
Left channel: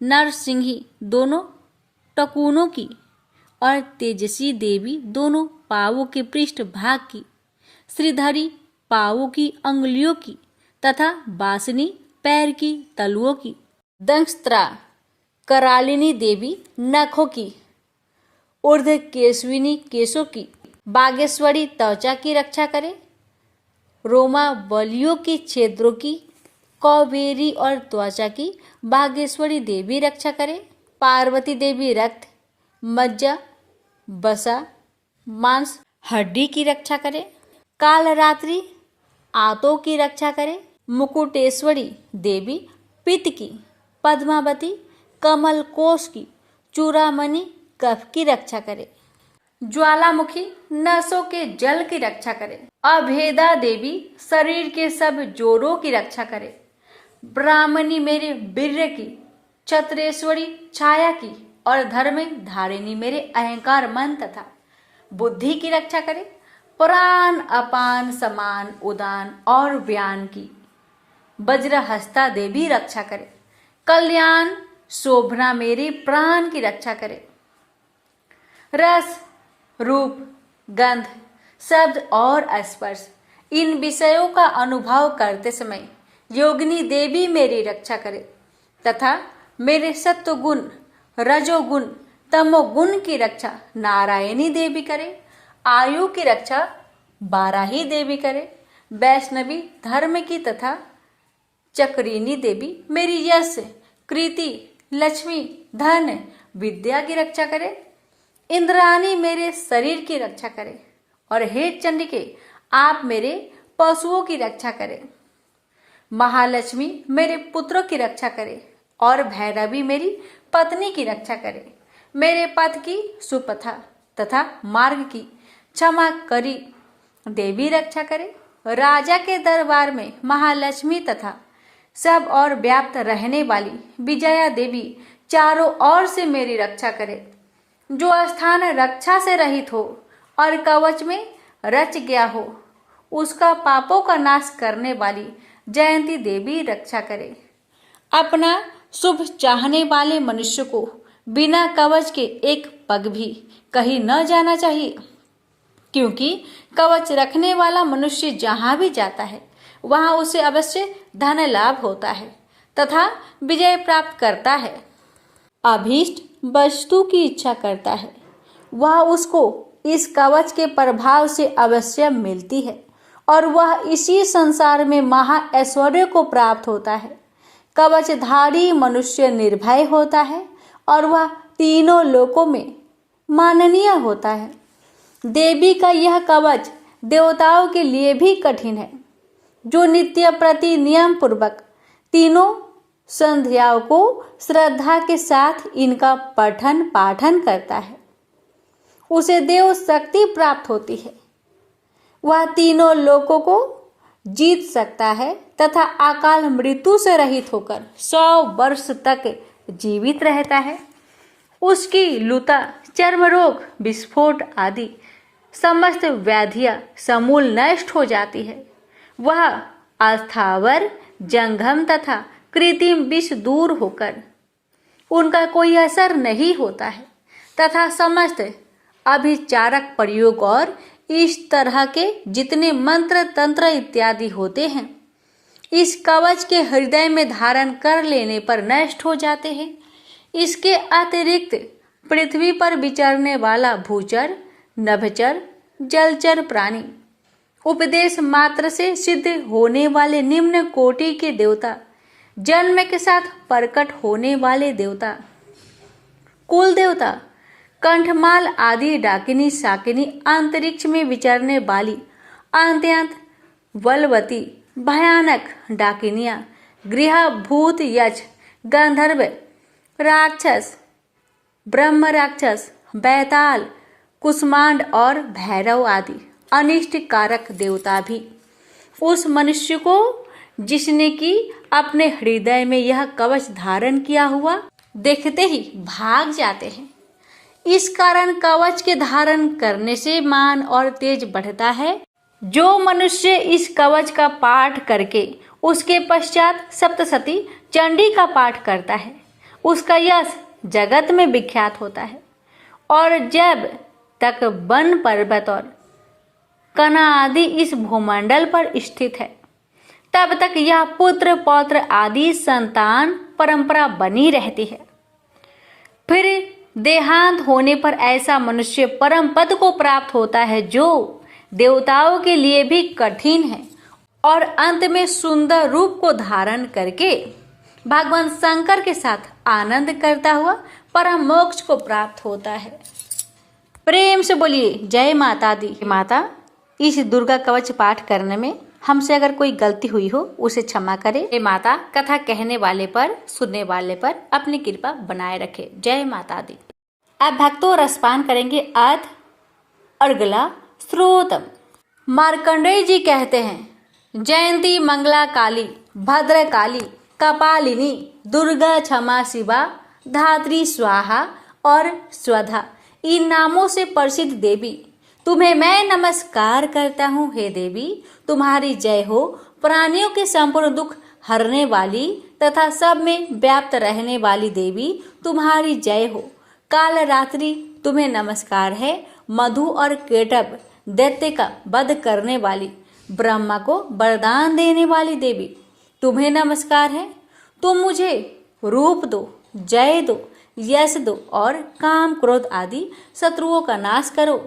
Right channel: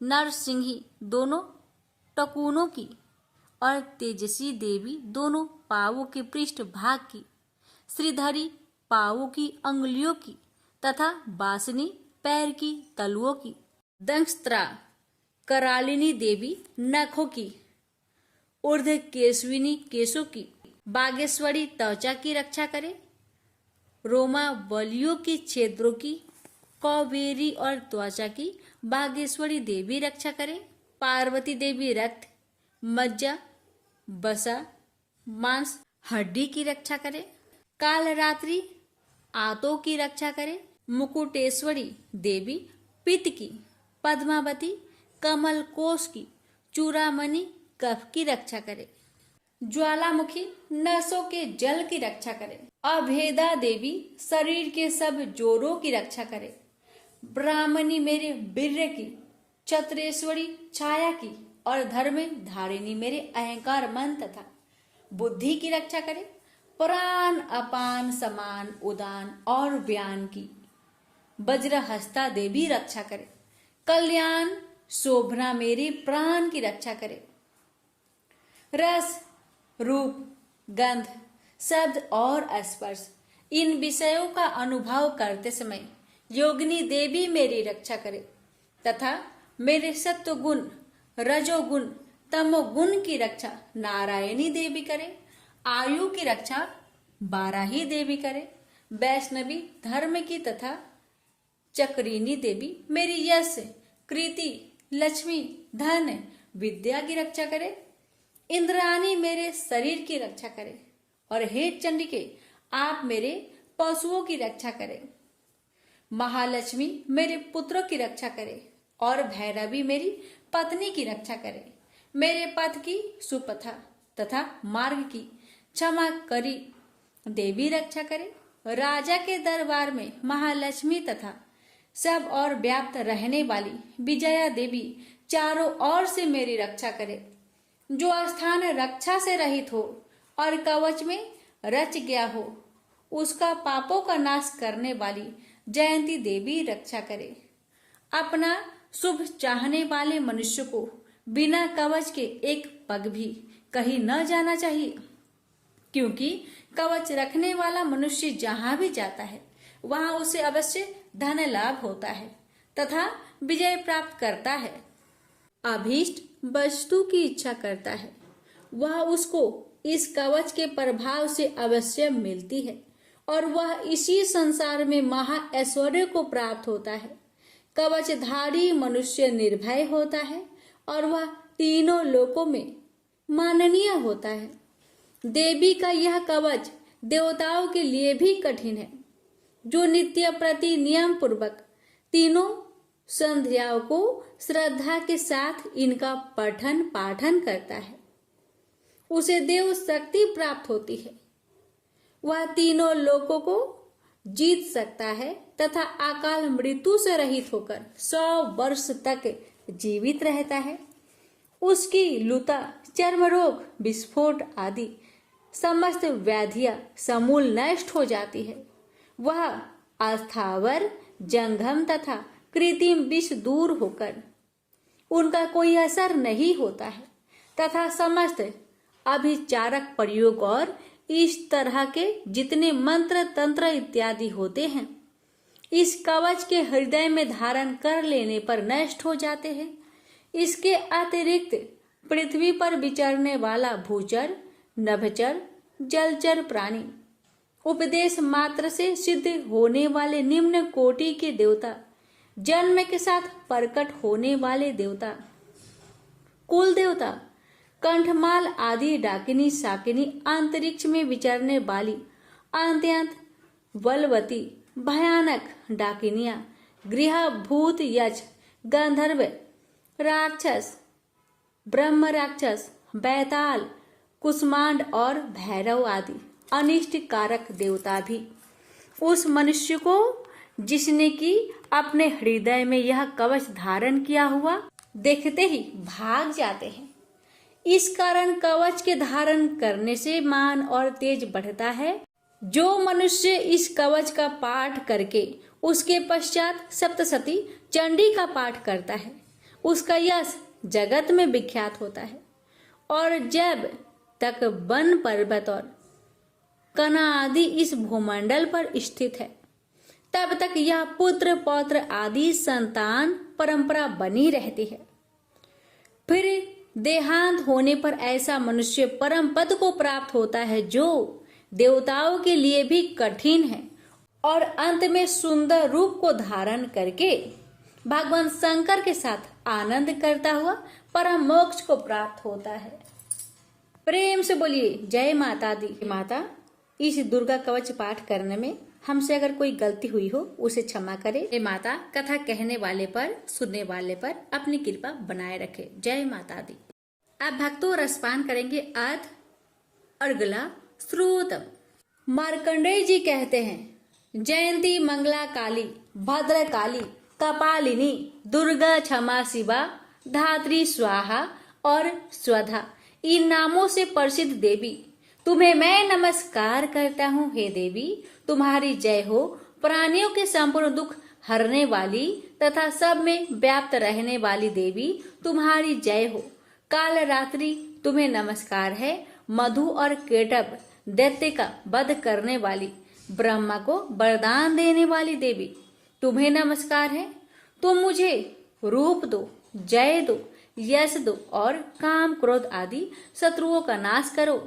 नरसिंही दोनों टकुनों की और तेजसी देवी दोनों पावों के पृष्ठ भाग की, श्रीधरी पावों की अंगुलियों की तथा बासनी पैर की तलुओं की। दंष्ट्रा करालिनी देवी नखों की। ऊर्ध केशविनी केशों की। बागेश्वरी त्वचा की रक्षा करे। रोमावलियों के छिद्रों की। कौबेरी और त्वचा की बागेश्वरी देवी रक्षा करे। पार्वती देवी रक्त, मज्जा, वसा, मांस, हड्डी की रक्षा करे। कालरात्रि आंतों की रक्षा करे। मुकुटेश्वरी देवी पित्त की। पद्मावती कमल कोश की। चूड़ामणि कफ की रक्षा करे। ज्वालामुखी नसों के जल की रक्षा करे। अभेदा देवी शरीर के सब जोड़ों की रक्षा करे। ब्राह्मणी मेरे वीर्य की। छत्रेश्वरी छाया की और धर्म धारिणी मेरे अहंकार मन तथा बुद्धि की रक्षा करे। प्राण अपान समान उदान और व्यान की वज्रहस्ता देवी रक्षा करे। कल्याण शोभना मेरे प्राण की रक्षा करे। रस, रूप, गंध, शब्द और स्पर्श इन विषयों का अनुभव करते समय योगिनी देवी मेरी रक्षा करे तथा मेरे सत्वगुण, रजोगुण, तमोगुण की रक्षा नारायणी देवी करे। आयु की रक्षा बाराही देवी करे। वैष्णवी धर्म की तथा चक्रिनी देवी मेरी यश, कृति, लक्ष्मी, धन, विद्या की रक्षा करे। इंद्राणी मेरे शरीर की रक्षा करे और हे चंडिके आप मेरे पशुओं की रक्षा करें। महालक्ष्मी मेरे पुत्रों की रक्षा करे और भैरवी मेरी पत्नी की रक्षा करे। मेरे पथ की सुपथा तथा मार्ग की क्षमा करी देवी रक्षा करे। राजा के दरबार में महालक्ष्मी तथा सब और व्याप्त रहने वाली विजया देवी चारों ओर से मेरी रक्षा करे। जो स्थान रक्षा से रहित हो और कवच में रच गया हो उसका पापों का नाश करने वाली जयंती देवी रक्षा करे। अपना शुभ चाहने वाले मनुष्य को बिना कवच के एक पग भी कहीं न जाना चाहिए, क्योंकि कवच रखने वाला मनुष्य जहां भी जाता है वहां उसे अवश्य धन लाभ होता है तथा विजय प्राप्त करता है। अभीष्ट वस्तु की इच्छा करता है वह उसको इस कवच के प्रभाव से अवश्य मिलती है और वह इसी संसार में महा ऐश्वर्य को प्राप्त होता है। कवचधारी मनुष्य निर्भय होता है और वह तीनों लोकों में माननीय होता है। देवी का यह कवच देवताओं के लिए भी कठिन है। जो नित्य प्रति नियम पूर्वक तीनों संध्याओं को श्रद्धा के साथ इनका पठन पाठन करता है उसे देव शक्ति प्राप्त होती है। वह तीनों लोकों को जीत सकता है तथा अकाल मृत्यु से रहित होकर 100 वर्ष तक जीवित रहता है। उसकी लुता, चर्म रोग, विस्फोट आदि समस्त व्याधियां समूल नष्ट हो जाती है। वह अस्थावर, जंगम तथा कृत्रिम विष दूर होकर उनका कोई असर नहीं होता है तथा समस्त अभिचारक प्रयोग और इस तरह के जितने मंत्र तंत्र इत्यादि होते हैं इस कवच के हृदय में धारण कर लेने पर नष्ट हो जाते हैं। इसके अतिरिक्त पृथ्वी पर विचरने वाला भूचर, नभचर, जलचर प्राणी, उपदेश मात्र से सिद्ध होने वाले निम्न कोटि के देवता, जन्म के साथ प्रकट होने वाले देवता, कुल देवता, कंठमाल आदि डाकिनी शाकिनी, अंतरिक्ष में विचरने वाली अत्यंत बलवती भयानक डाकिनियां, गृह भूत, यक्ष, गंधर्व, राक्षस, ब्रह्म राक्षस, बैताल, कुष्मांड और भैरव आदि अनिष्ट कारक देवता भी उस मनुष्य को जिसने कि अपने हृदय में यह कवच धारण किया हुआ देखते ही भाग जाते हैं। इस कारण कवच के धारण करने से मान और तेज बढ़ता है। जो मनुष्य इस कवच का पाठ करके उसके पश्चात सप्तशती चंडी का पाठ करता है उसका यश जगत में विख्यात होता है। और जब तक वन पर्वत और कना आदि इस भूमंडल पर स्थित है तब तक यह पुत्र पौत्र आदि संतान परंपरा बनी रहती है। फिर देहांत होने पर ऐसा मनुष्य परम पद को प्राप्त होता है जो देवताओं के लिए भी कठिन है, और अंत में सुंदर रूप को धारण करके भगवान शंकर के साथ आनंद करता हुआ परम मोक्ष को प्राप्त होता है। प्रेम से बोलिए जय माता दी। माता, इस दुर्गा कवच पाठ करने में हमसे अगर कोई गलती हुई हो उसे क्षमा करे। हे माता, कथा कहने वाले पर, सुनने वाले पर अपनी कृपा बनाए रखे। जय माता दी। अब भक्तों रसपान करेंगे अर्थ अर्गला श्रोतम। मार्कंडेय जी कहते हैं, जयंती मंगला काली भद्र काली कपालिनी दुर्गा क्षमा शिवा धात्री स्वाहा और स्वधा, इन नामों से प्रसिद्ध देवी तुम्हें मैं नमस्कार करता हूँ। हे देवी, तुम्हारी जय हो। प्राणियों के संपूर्ण दुख हरने वाली तथा सब में व्याप्त रहने वाली देवी तुम्हारी जय हो। काल रात्रि तुम्हें नमस्कार है। मधु और केटभ दैत्य का वध करने वाली, ब्रह्मा को वरदान देने वाली देवी तुम्हें नमस्कार है। तुम मुझे रूप दो, जय दो, यश दो और काम क्रोध आदि शत्रुओं का नाश करो।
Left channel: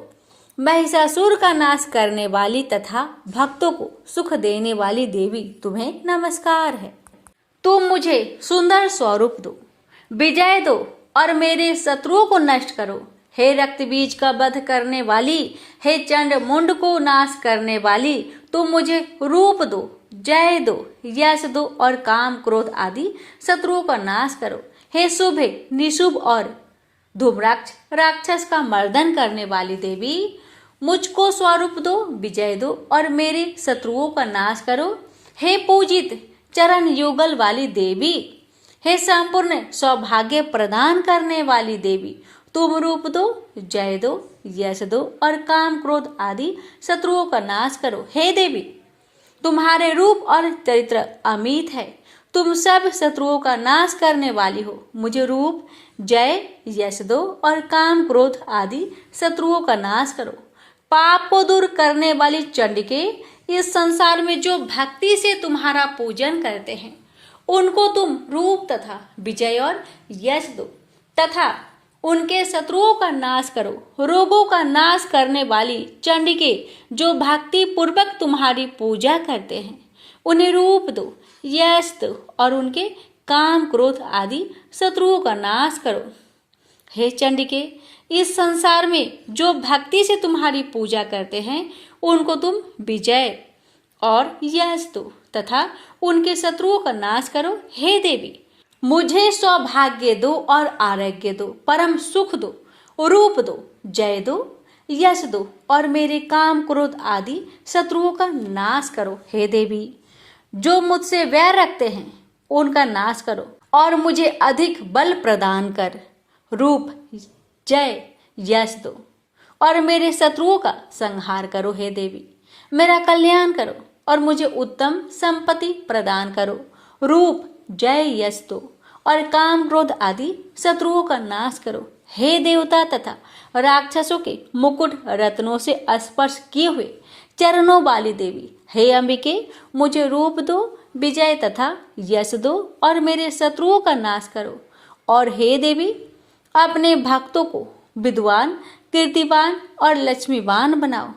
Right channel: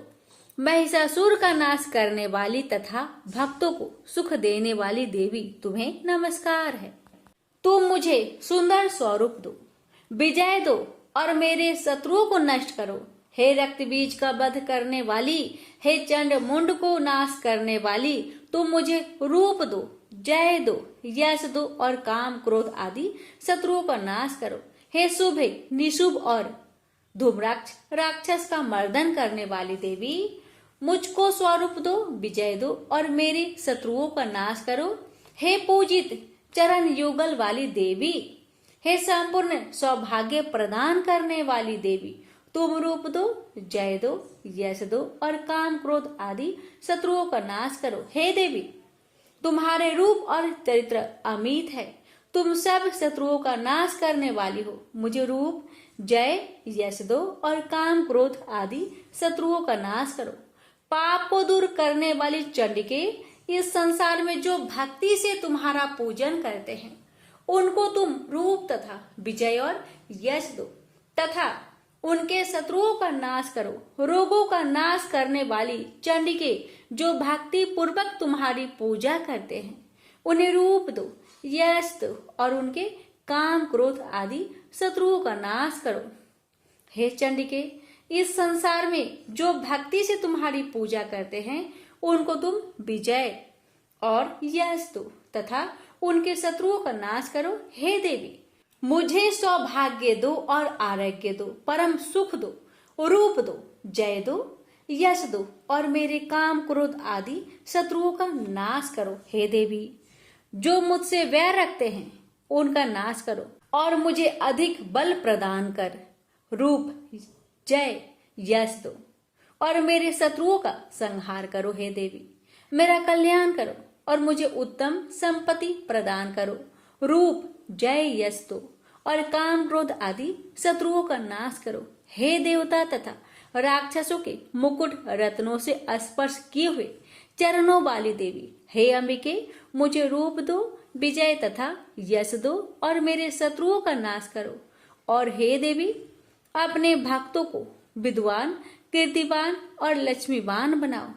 महिषासुर का नाश करने वाली तथा भक्तों को सुख देने वाली देवी तुम्हें नमस्कार है। तुम मुझे सुंदर स्वरूप दो, विजय दो और मेरे शत्रुओं को नष्ट करो। हे रक्त बीज का वध करने वाली, हे चंड मुंड को नाश करने वाली, तुम मुझे रूप दो, जय दो, यश दो और काम क्रोध आदि शत्रुओं का नाश करो। हे शुभ, निशुभ और धूम्राक्ष राक्षस का मर्दन करने वाली देवी, मुझको स्वरूप दो, विजय दो और मेरे शत्रुओं का नाश करो। हे पूजित चरण युगल वाली देवी, हे संपूर्ण सौभाग्य प्रदान करने वाली देवी, तुम रूप दो, जय दो, यश दो और काम क्रोध आदि शत्रुओं का नाश करो। हे देवी, तुम्हारे रूप और चरित्र अमित है। तुम सब शत्रुओं का नाश करने वाली हो। मुझे रूप, जय, यश दो और काम क्रोध आदि शत्रुओं का नाश करो। पाप को दूर करने वाली चंडिके, इस संसार में जो भक्ति से तुम्हारा पूजन करते हैं उनको तुम रूप तथा विजय और यश दो तथा उनके शत्रुओं का नाश करो। रोगों का नाश करने वाली चंडिके, जो भक्ति पूर्वक तुम्हारी पूजा करते हैं उन्हें रूप दो, यश दो और उनके काम क्रोध आदि शत्रुओं का नाश करो। हे चंडिके, इस संसार में जो भक्ति से तुम्हारी पूजा करते हैं उनको तुम विजय और यश दो तथा उनके शत्रुओं का नाश करो। हे देवी, मुझे सौभाग्य दो और आरोग्य दो, परम सुख दो, रूप दो, जय दो, यश दो और मेरे काम क्रोध आदि शत्रुओं का नाश करो। हे देवी, जो मुझसे वैर रखते हैं उनका नाश करो और मुझे अधिक बल प्रदान कर रूप, जय, यश दो और मेरे शत्रुओं का संहार करो। हे देवी, मेरा कल्याण करो और मुझे उत्तम संपत्ति प्रदान करो। रूप, जय, यश दो और काम क्रोध आदि शत्रुओं का नाश करो। हे देवता तथा राक्षसों के मुकुट रत्नों से स्पर्श किए हुए चरणों वाली देवी, हे अंबिके, मुझे रूप दो, विजय तथा यश दो और मेरे शत्रुओं का नाश करो। और हे देवी, अपने भक्तों को विद्वान, कीर्तिवान और लक्ष्मीवान बनाओ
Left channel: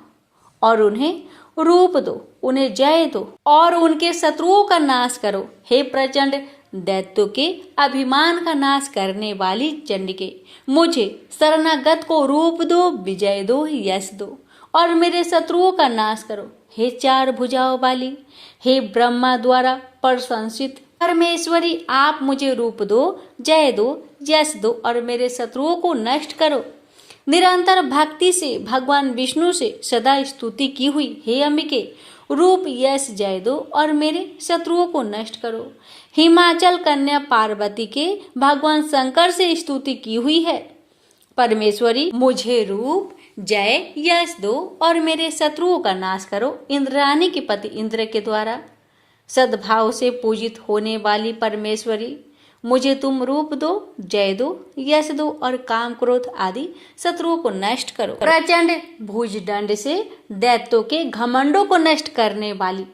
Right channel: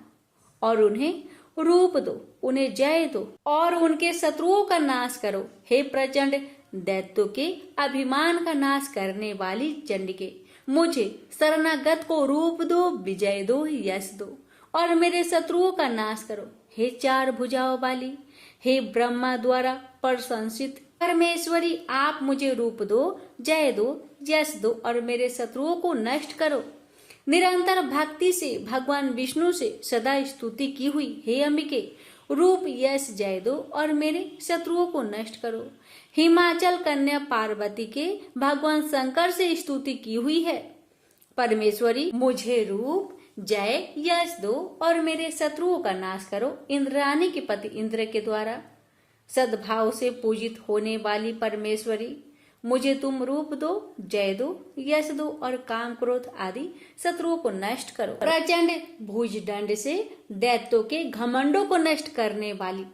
और उन्हें रूप दो, उन्हें जय दो और उनके शत्रुओं का नाश करो। हे प्रचंड दैत्यों के अभिमान का नाश करने वाली चंडिके, मुझे शरणागत को रूप दो, विजय दो, यश दो और मेरे शत्रुओं का नाश करो। हे चार भुजाओं वाली, हे ब्रह्मा द्वारा प्रशंसित परमेश्वरी, आप मुझे रूप दो, जय दो, यश दो और मेरे शत्रुओं को नष्ट करो। निरंतर भक्ति से भगवान विष्णु से सदा स्तुति की हुई हे अंबिके, रूप, यश, जय दो और मेरे शत्रुओं को नष्ट करो। हिमाचल कन्या पार्वती के भगवान शंकर से स्तुति की हुई है परमेश्वरी, मुझे रूप, जय, यश दो और मेरे शत्रुओं का नाश करो। इंद्राणी के पति इंद्र के द्वारा सद्भाव से पूजित होने वाली परमेश्वरी, मुझे तुम रूप दो, जय दो, यश दो और काम क्रोध आदि शत्रुओं को नष्ट करो। प्रचंड भुजदंड से दैत्यों के घमंडों को नष्ट करने वाली,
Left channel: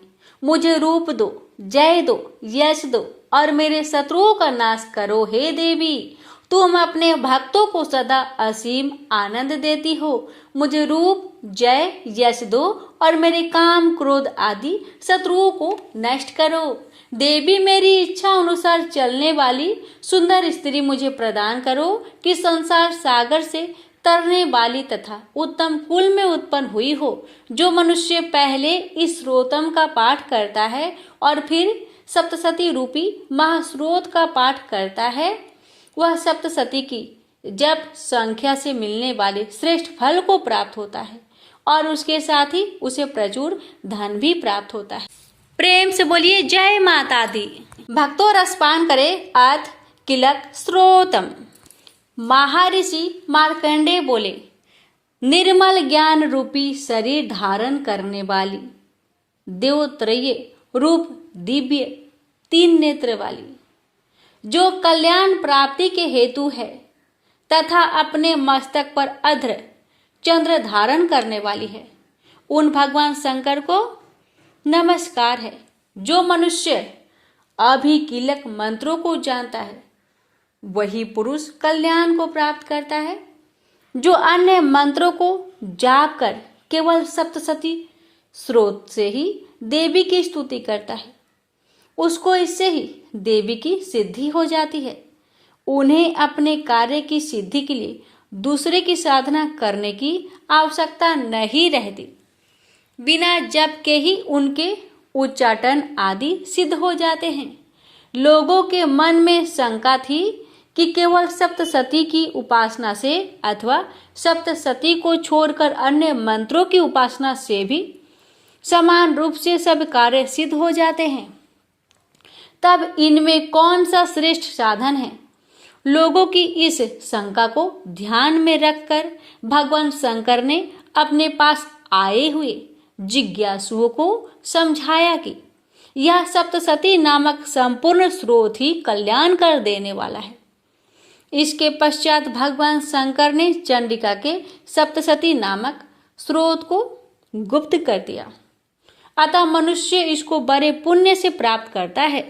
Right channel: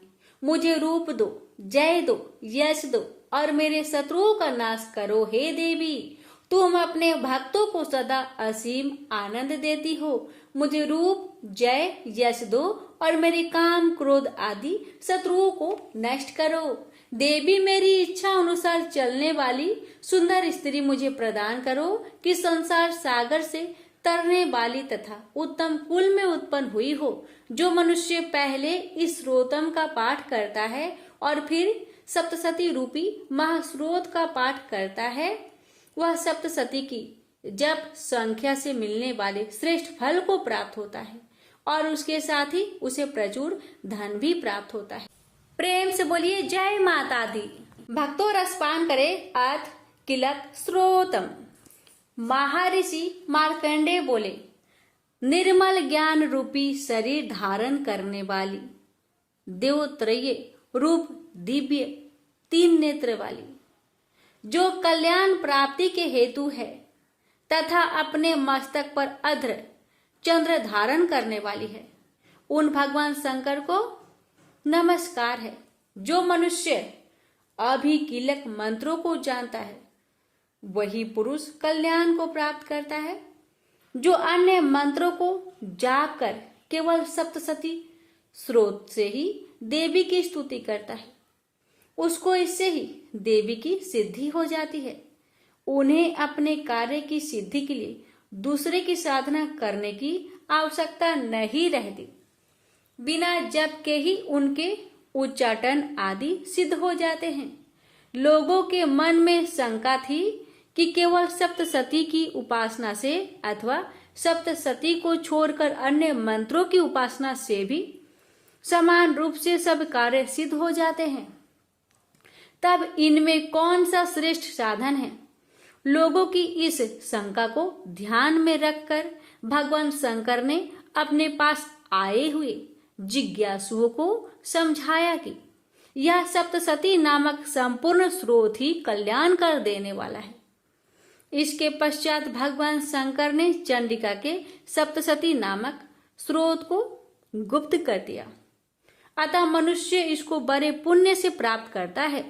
मुझे रूप दो, जय दो, यश दो और मेरे शत्रुओं का नाश करो हे देवी। तुम अपने भक्तों को सदा असीम आनंद देती हो। मुझे रूप, जय, यश दो और मेरे काम, क्रोध आदि शत्रुओं को नष्ट करो। देवी, मेरी इच्छा अनुसार चलने वाली सुंदर स्त्री मुझे प्रदान करो कि संसार सागर से तरने वाली तथा उत्तम कुल में उत्पन्न हुई हो। जो मनुष्य पहले इस स्रोतम का पाठ करता है और फिर सप्तशती रूपी महास्रोत का पाठ करता है, वह सप्तशती की जप संख्या से मिलने वाले श्रेष्ठ फल को प्राप्त होता है और उसके साथ ही उसे प्रचुर धन भी प्राप्त होता है। प्रेम से बोलिए जय माता दी। भक्तों रसपान करे अर्थ किलक स्रोतम। महर्षि मार्कंडेय बोले, निर्मल ज्ञान रूपी शरीर धारण करने वाली, देवत्रय रूप दिव्य 3 नेत्र वाली, जो कल्याण प्राप्ति के हेतु है तथा अपने मस्तक पर अध्र चंद्र धारण करने वाली है, उन भगवान शंकर को नमस्कार है। जो मनुष्य अभिकीलक मंत्रों को जानता है वही पुरुष कल्याण को प्राप्त करता है। जो अन्य मंत्रों को जाप कर केवल सप्तशती स्रोत से ही देवी की स्तुति करता है, उसको इससे ही देवी की सिद्धि हो जाती है। उन्हें अपने कार्य की सिद्धि के लिए दूसरे की साधना करने की आवश्यकता नहीं रहती। बिना जप के ही उनके उच्चाटन आदि सिद्ध हो जाते हैं। लोगों के मन में शंका थी कि केवल सप्तशती की उपासना से अथवा सप्तशती को छोड़कर अन्य मंत्रों की उपासना से भी समान रूप से सब कार्य सिद्ध हो जाते हैं, तब इनमें कौन सा श्रेष्ठ साधन है। लोगों की इस शंका को ध्यान में रखकर भगवान शंकर ने अपने पास आए हुए जिज्ञासुओं को समझाया कि यह सप्तशती नामक संपूर्ण स्रोत ही कल्याण कर देने वाला है। इसके पश्चात भगवान शंकर ने चंडिका के सप्तशती नामक स्रोत को गुप्त कर दिया, अतः मनुष्य इसको बड़े पुण्य से प्राप्त करता है।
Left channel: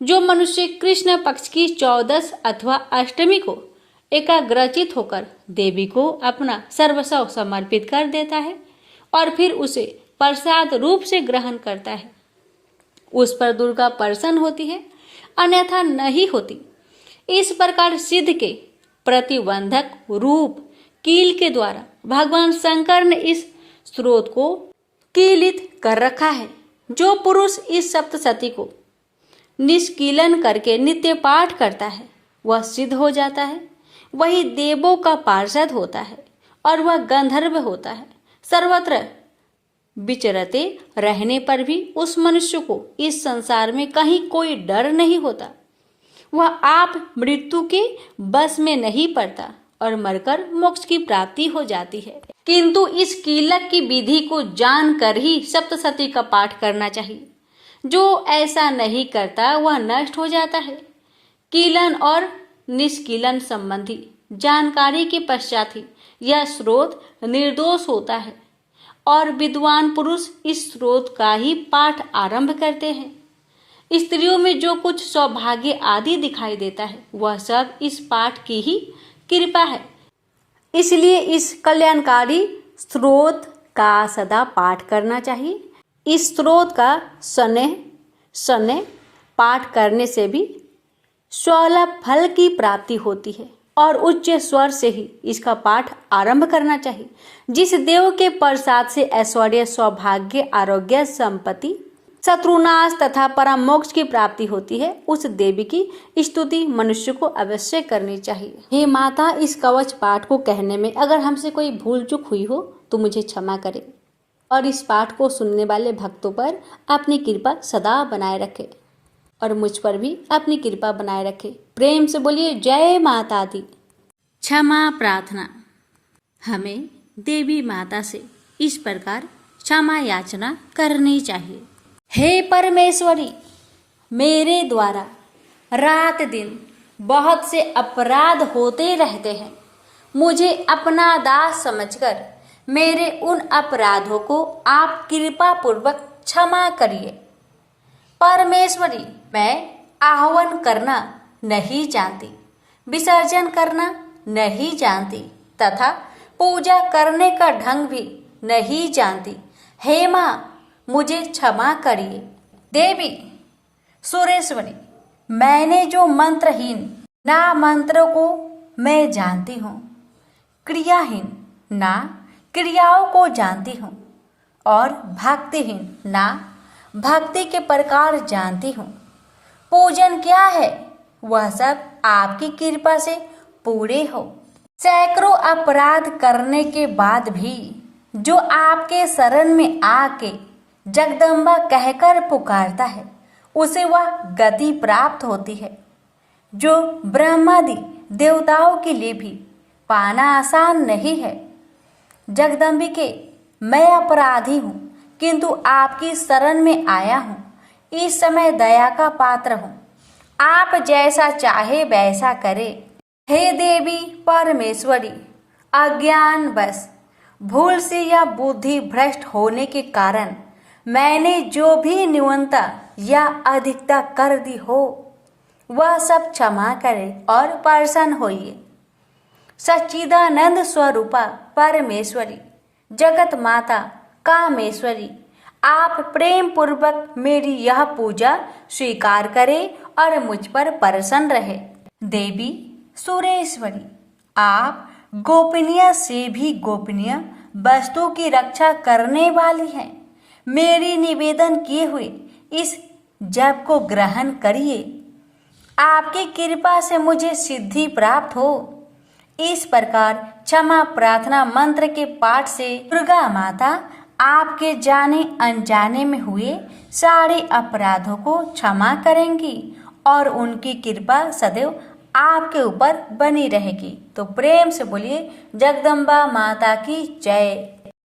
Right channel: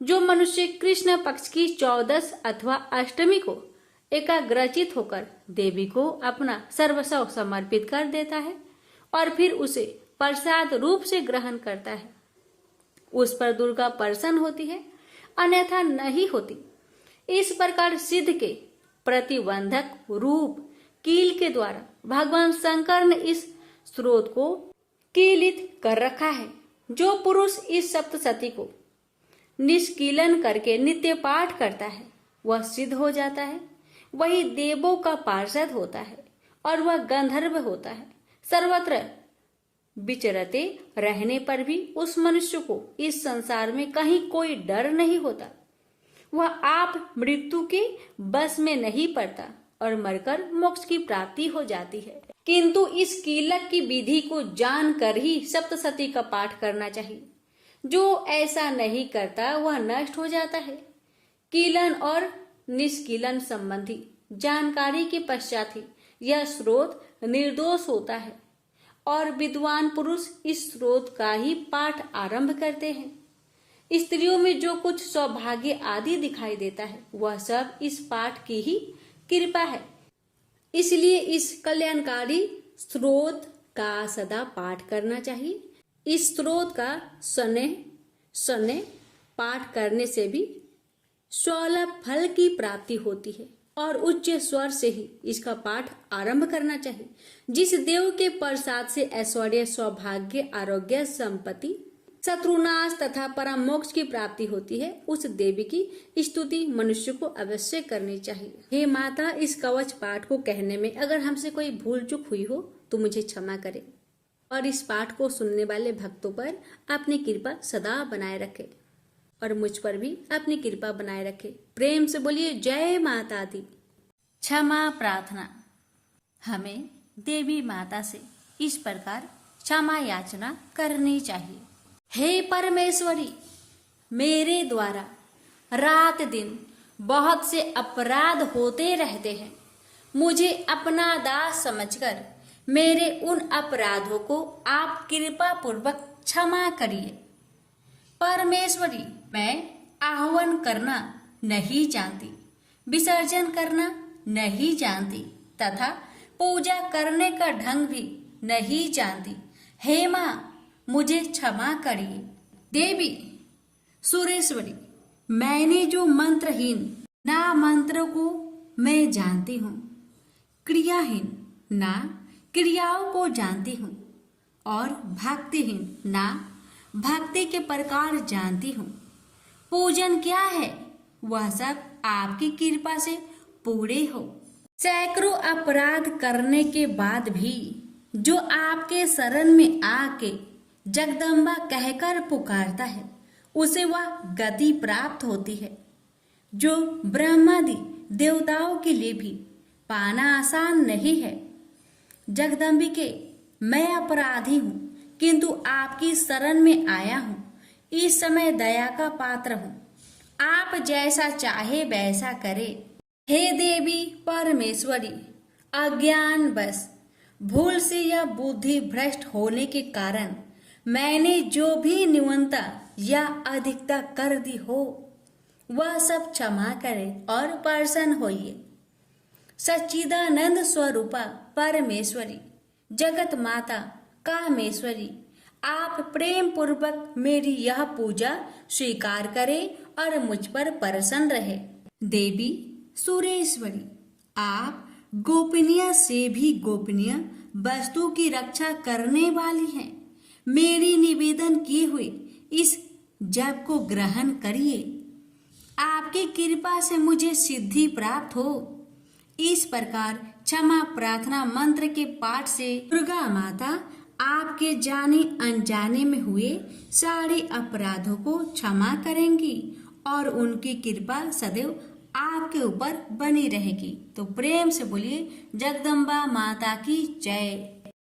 जो मनुष्य कृष्ण पक्ष की 14 अथवा अष्टमी को एकाग्रचित होकर देवी को अपना सर्वस्व समर्पित कर देता है और फिर उसे प्रसाद रूप से ग्रहण करता है, उस पर दुर्गा प्रसन्न होती है, अन्यथा नहीं होती। इस प्रकार सिद्ध के प्रतिबंधक रूप कील के द्वारा भगवान शंकर ने इस स्रोत को कीलित कर रखा है। जो पुरुष इस सप्तशती को निष्कीलन करके नित्य पाठ करता है वह सिद्ध हो जाता है, वही देवों का पार्षद होता है और वह गंधर्व होता है। सर्वत्र विचरते रहने पर भी उस मनुष्य को इस संसार में कहीं कोई डर नहीं होता। वह आप मृत्यु के बस में नहीं पड़ता और मरकर मोक्ष की प्राप्ति हो जाती है। किंतु इस कीलक की विधि को जानकर ही सप्तशती का पाठ करना चाहिए। जो ऐसा नहीं करता वह नष्ट हो जाता है। कीलन और निष्कीलन संबंधी जानकारी के पश्चात ही यह स्रोत निर्दोष होता है और विद्वान पुरुष इस स्रोत का ही पाठ आरंभ करते हैं। स्त्रियों में जो कुछ सौभाग्य आदि दिखाई देता है वह सब इस पाठ की ही कृपा है। इसलिए इस कल्याणकारी स्रोत का सदा पाठ करना चाहिए। इस स्रोत का सने पाठ करने से भी स्वलभ फल की प्राप्ति होती है और उच्च स्वर से ही इसका पाठ आरंभ करना चाहिए। जिस देव के प्रसाद से ऐश्वर्य, सौभाग्य, आरोग्य, संपत्ति, शत्रुनाश तथा परम मोक्ष की प्राप्ति होती है, उस देवी की स्तुति मनुष्य को अवश्य करनी चाहिए। हे माता, इस कवच पाठ को कहने में अगर हमसे कोई भूल चूक हुई हो तो मुझे क्षमा करें और इस पाठ को सुनने वाले भक्तों पर अपनी कृपा सदा बनाए रखे और मुझ पर भी अपनी कृपा बनाए रखे। प्रेम से बोलिए जय माता दी। क्षमा प्रार्थना। हमें देवी माता से इस प्रकार क्षमा याचना करनी चाहिए। हे परमेश्वरी, मेरे द्वारा रात दिन बहुत से अपराध होते रहते हैं। मुझे अपना दास समझकर मेरे उन अपराधों को आप कृपा पूर्वक क्षमा करिए। परमेश्वरी, मैं आह्वान करना नहीं जानती, विसर्जन करना नहीं जानती तथा पूजा करने का ढंग भी नहीं जानती। हे माँ, मुझे क्षमा करिए। देवी सुरेश्वरी, मैंने जो मंत्रहीन ना मंत्रों को मैं जानती हूँ, क्रियाहीन ना क्रियाओं को जानती हूँ और भक्तिहीन ना भक्ति के प्रकार जानती हूँ। पूजन क्या है वह सब आपकी कृपा से पूरे हो। सैकड़ों अपराध करने के बाद भी जो आपके शरण में आके जगदम्बा कहकर पुकारता है उसे वह गति प्राप्त होती है जो ब्रह्मादि देवताओं के लिए भी पाना आसान नहीं है। जगदम्बिके, मैं अपराधी हूँ किंतु आपकी शरण में आया हूँ। इस समय दया का पात्र हूँ, आप जैसा चाहे वैसा करे। हे देवी परमेश्वरी, अज्ञान बस भूल से या बुद्धि भ्रष्ट होने के कारण मैंने जो भी न्यूनता या अधिकता कर दी हो वह सब क्षमा करे और प्रसन्न होइए। सच्चिदानंद स्वरूपा परमेश्वरी, जगत माता कामेश्वरी, आप प्रेम पूर्वक मेरी यह पूजा स्वीकार करें और मुझ पर प्रसन्न रहे। देवी सुरेश्वरी, आप गोपनीय से भी गोपनीय वस्तु की रक्षा करने वाली हैं। मेरी निवेदन किए हुए इस जप को ग्रहण करिए, आपकी कृपा से मुझे सिद्धि प्राप्त हो। इस प्रकार क्षमा प्रार्थना मंत्र के पाठ से दुर्गा माता आपके जाने अनजाने में हुए सारे अपराधों को क्षमा करेंगी और उनकी कृपा सदैव आपके ऊपर बनी रहेगी। तो प्रेम से बोलिए जगदम्बा माता की जय।